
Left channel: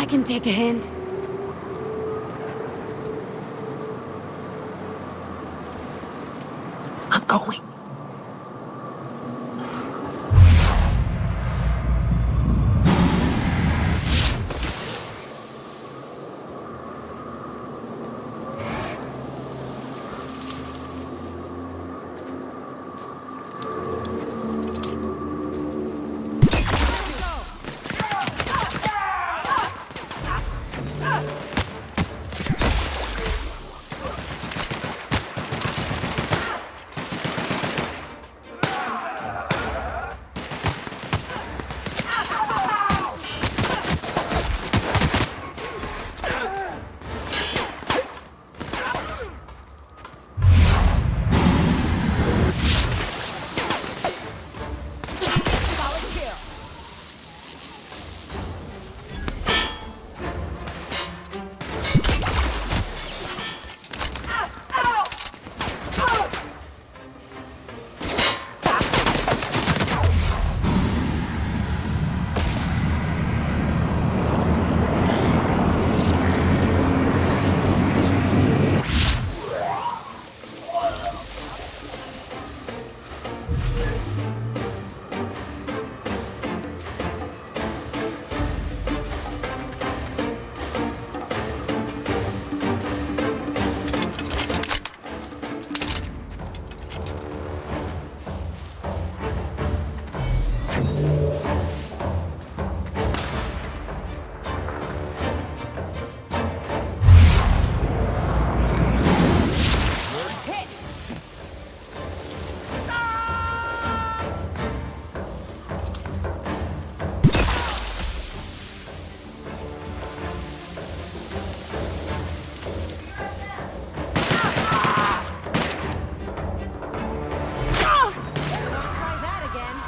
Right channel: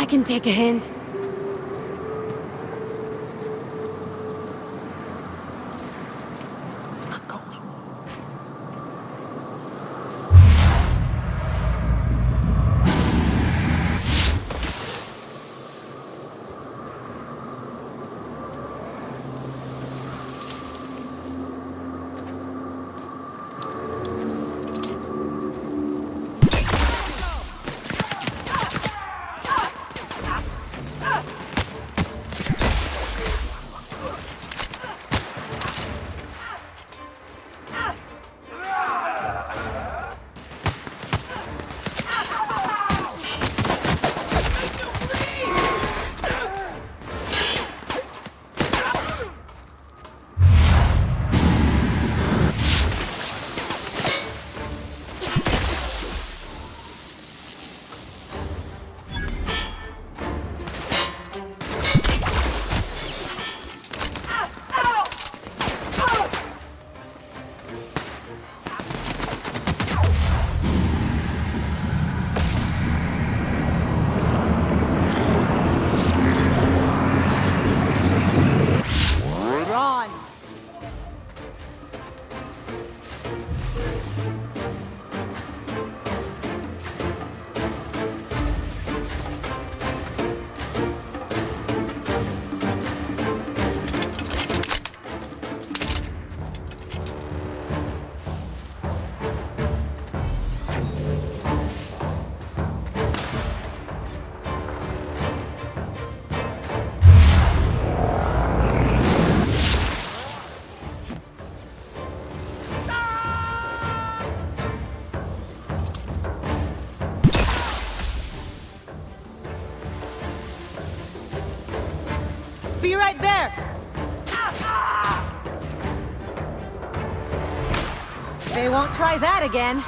I can take a hint. I'm going. Try that again.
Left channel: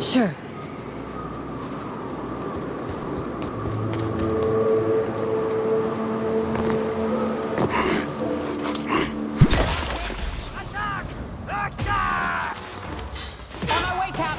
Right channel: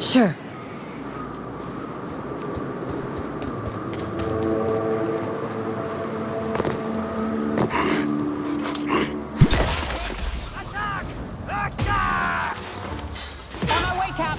Sure. On my way, Cap.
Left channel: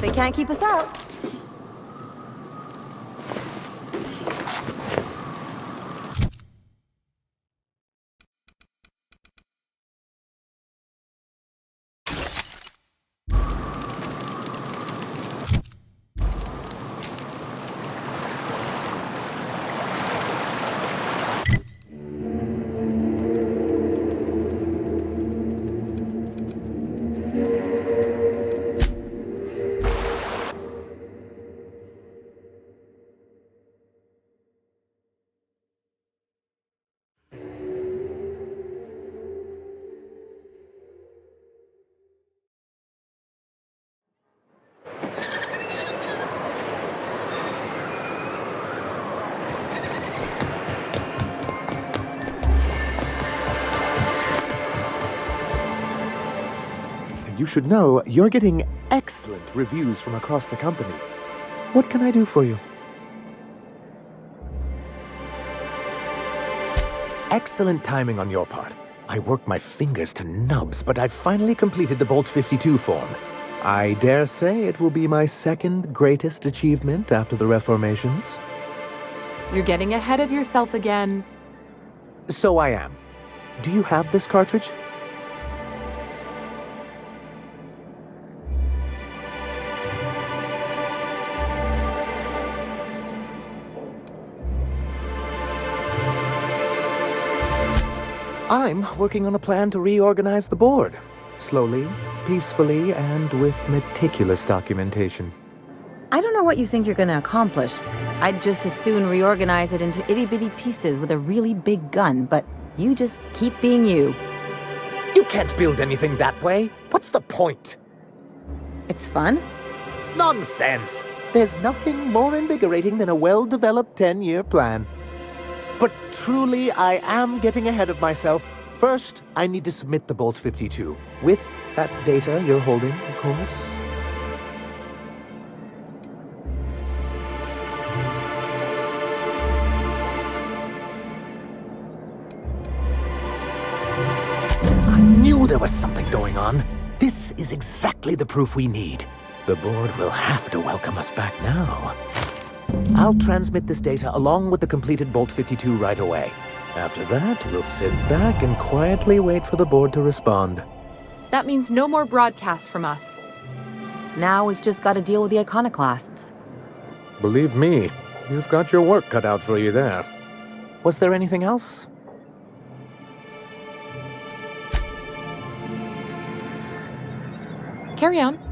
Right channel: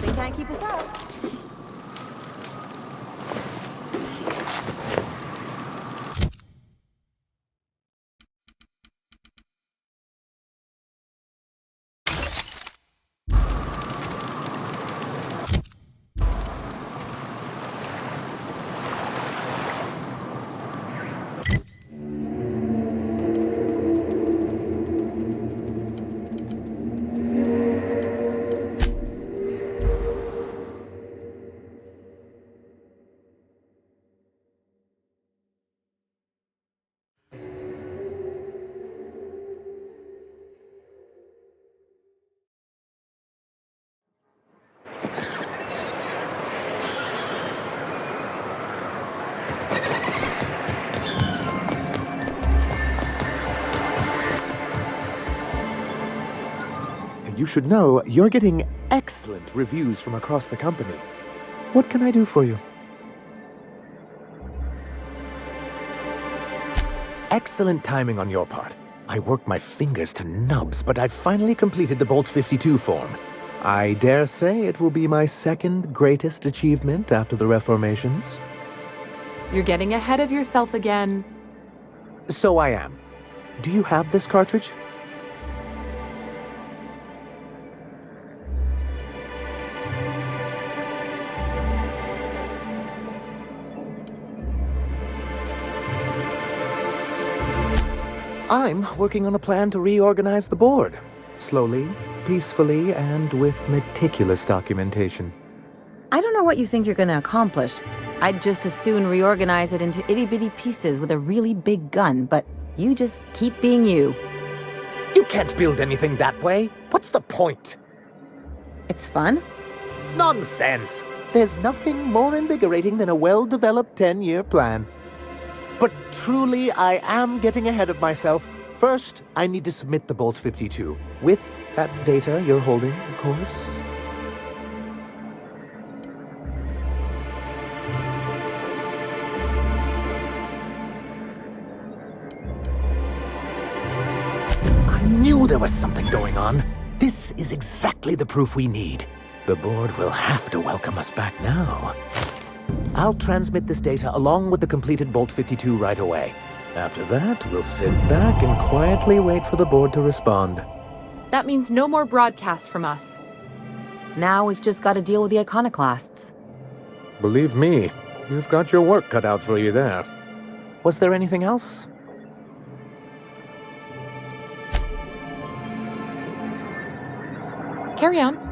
They can't keep us out. You should know you're getting excellent reviews from across the company. What can I do for you? Excellent timing on your part. I worked my fingers to nubs, but I've finally completed the Bolt-52 form. I dare say it will be my second greatest achievement after the reformations. You're getting ahead of yourself again. So I am. Do you have this cartridge? I'm working on a plan to reorganize the board. Slowly, peacefully, and with meticulous documentation. I don't know what you think you're gonna accomplish. I'd just as soon reorganize it into itty-bitty pieces with a really big gun, but you just keep being you. You can't build anything that way. What's the point? It's fun. Nonsense! There's nothing more invigorating than a well-developed 10-year plan. But truly, I am getting ahead of myself. First, I need to submit the Bolt-52. With that data you're holding, of course. I knew there was something going on. This is exactly the proof we need. The board will have to welcome us back now. I'll transmit this data along with the completed Bolt-52 right away. After that, we'll sit back and quietly wait for the board to respond. That means no more broadcasts from us. Now we've just got to deal with the iconoclasts. Believe me, you've got your work cut out for you there. Was there anything else? Carry on.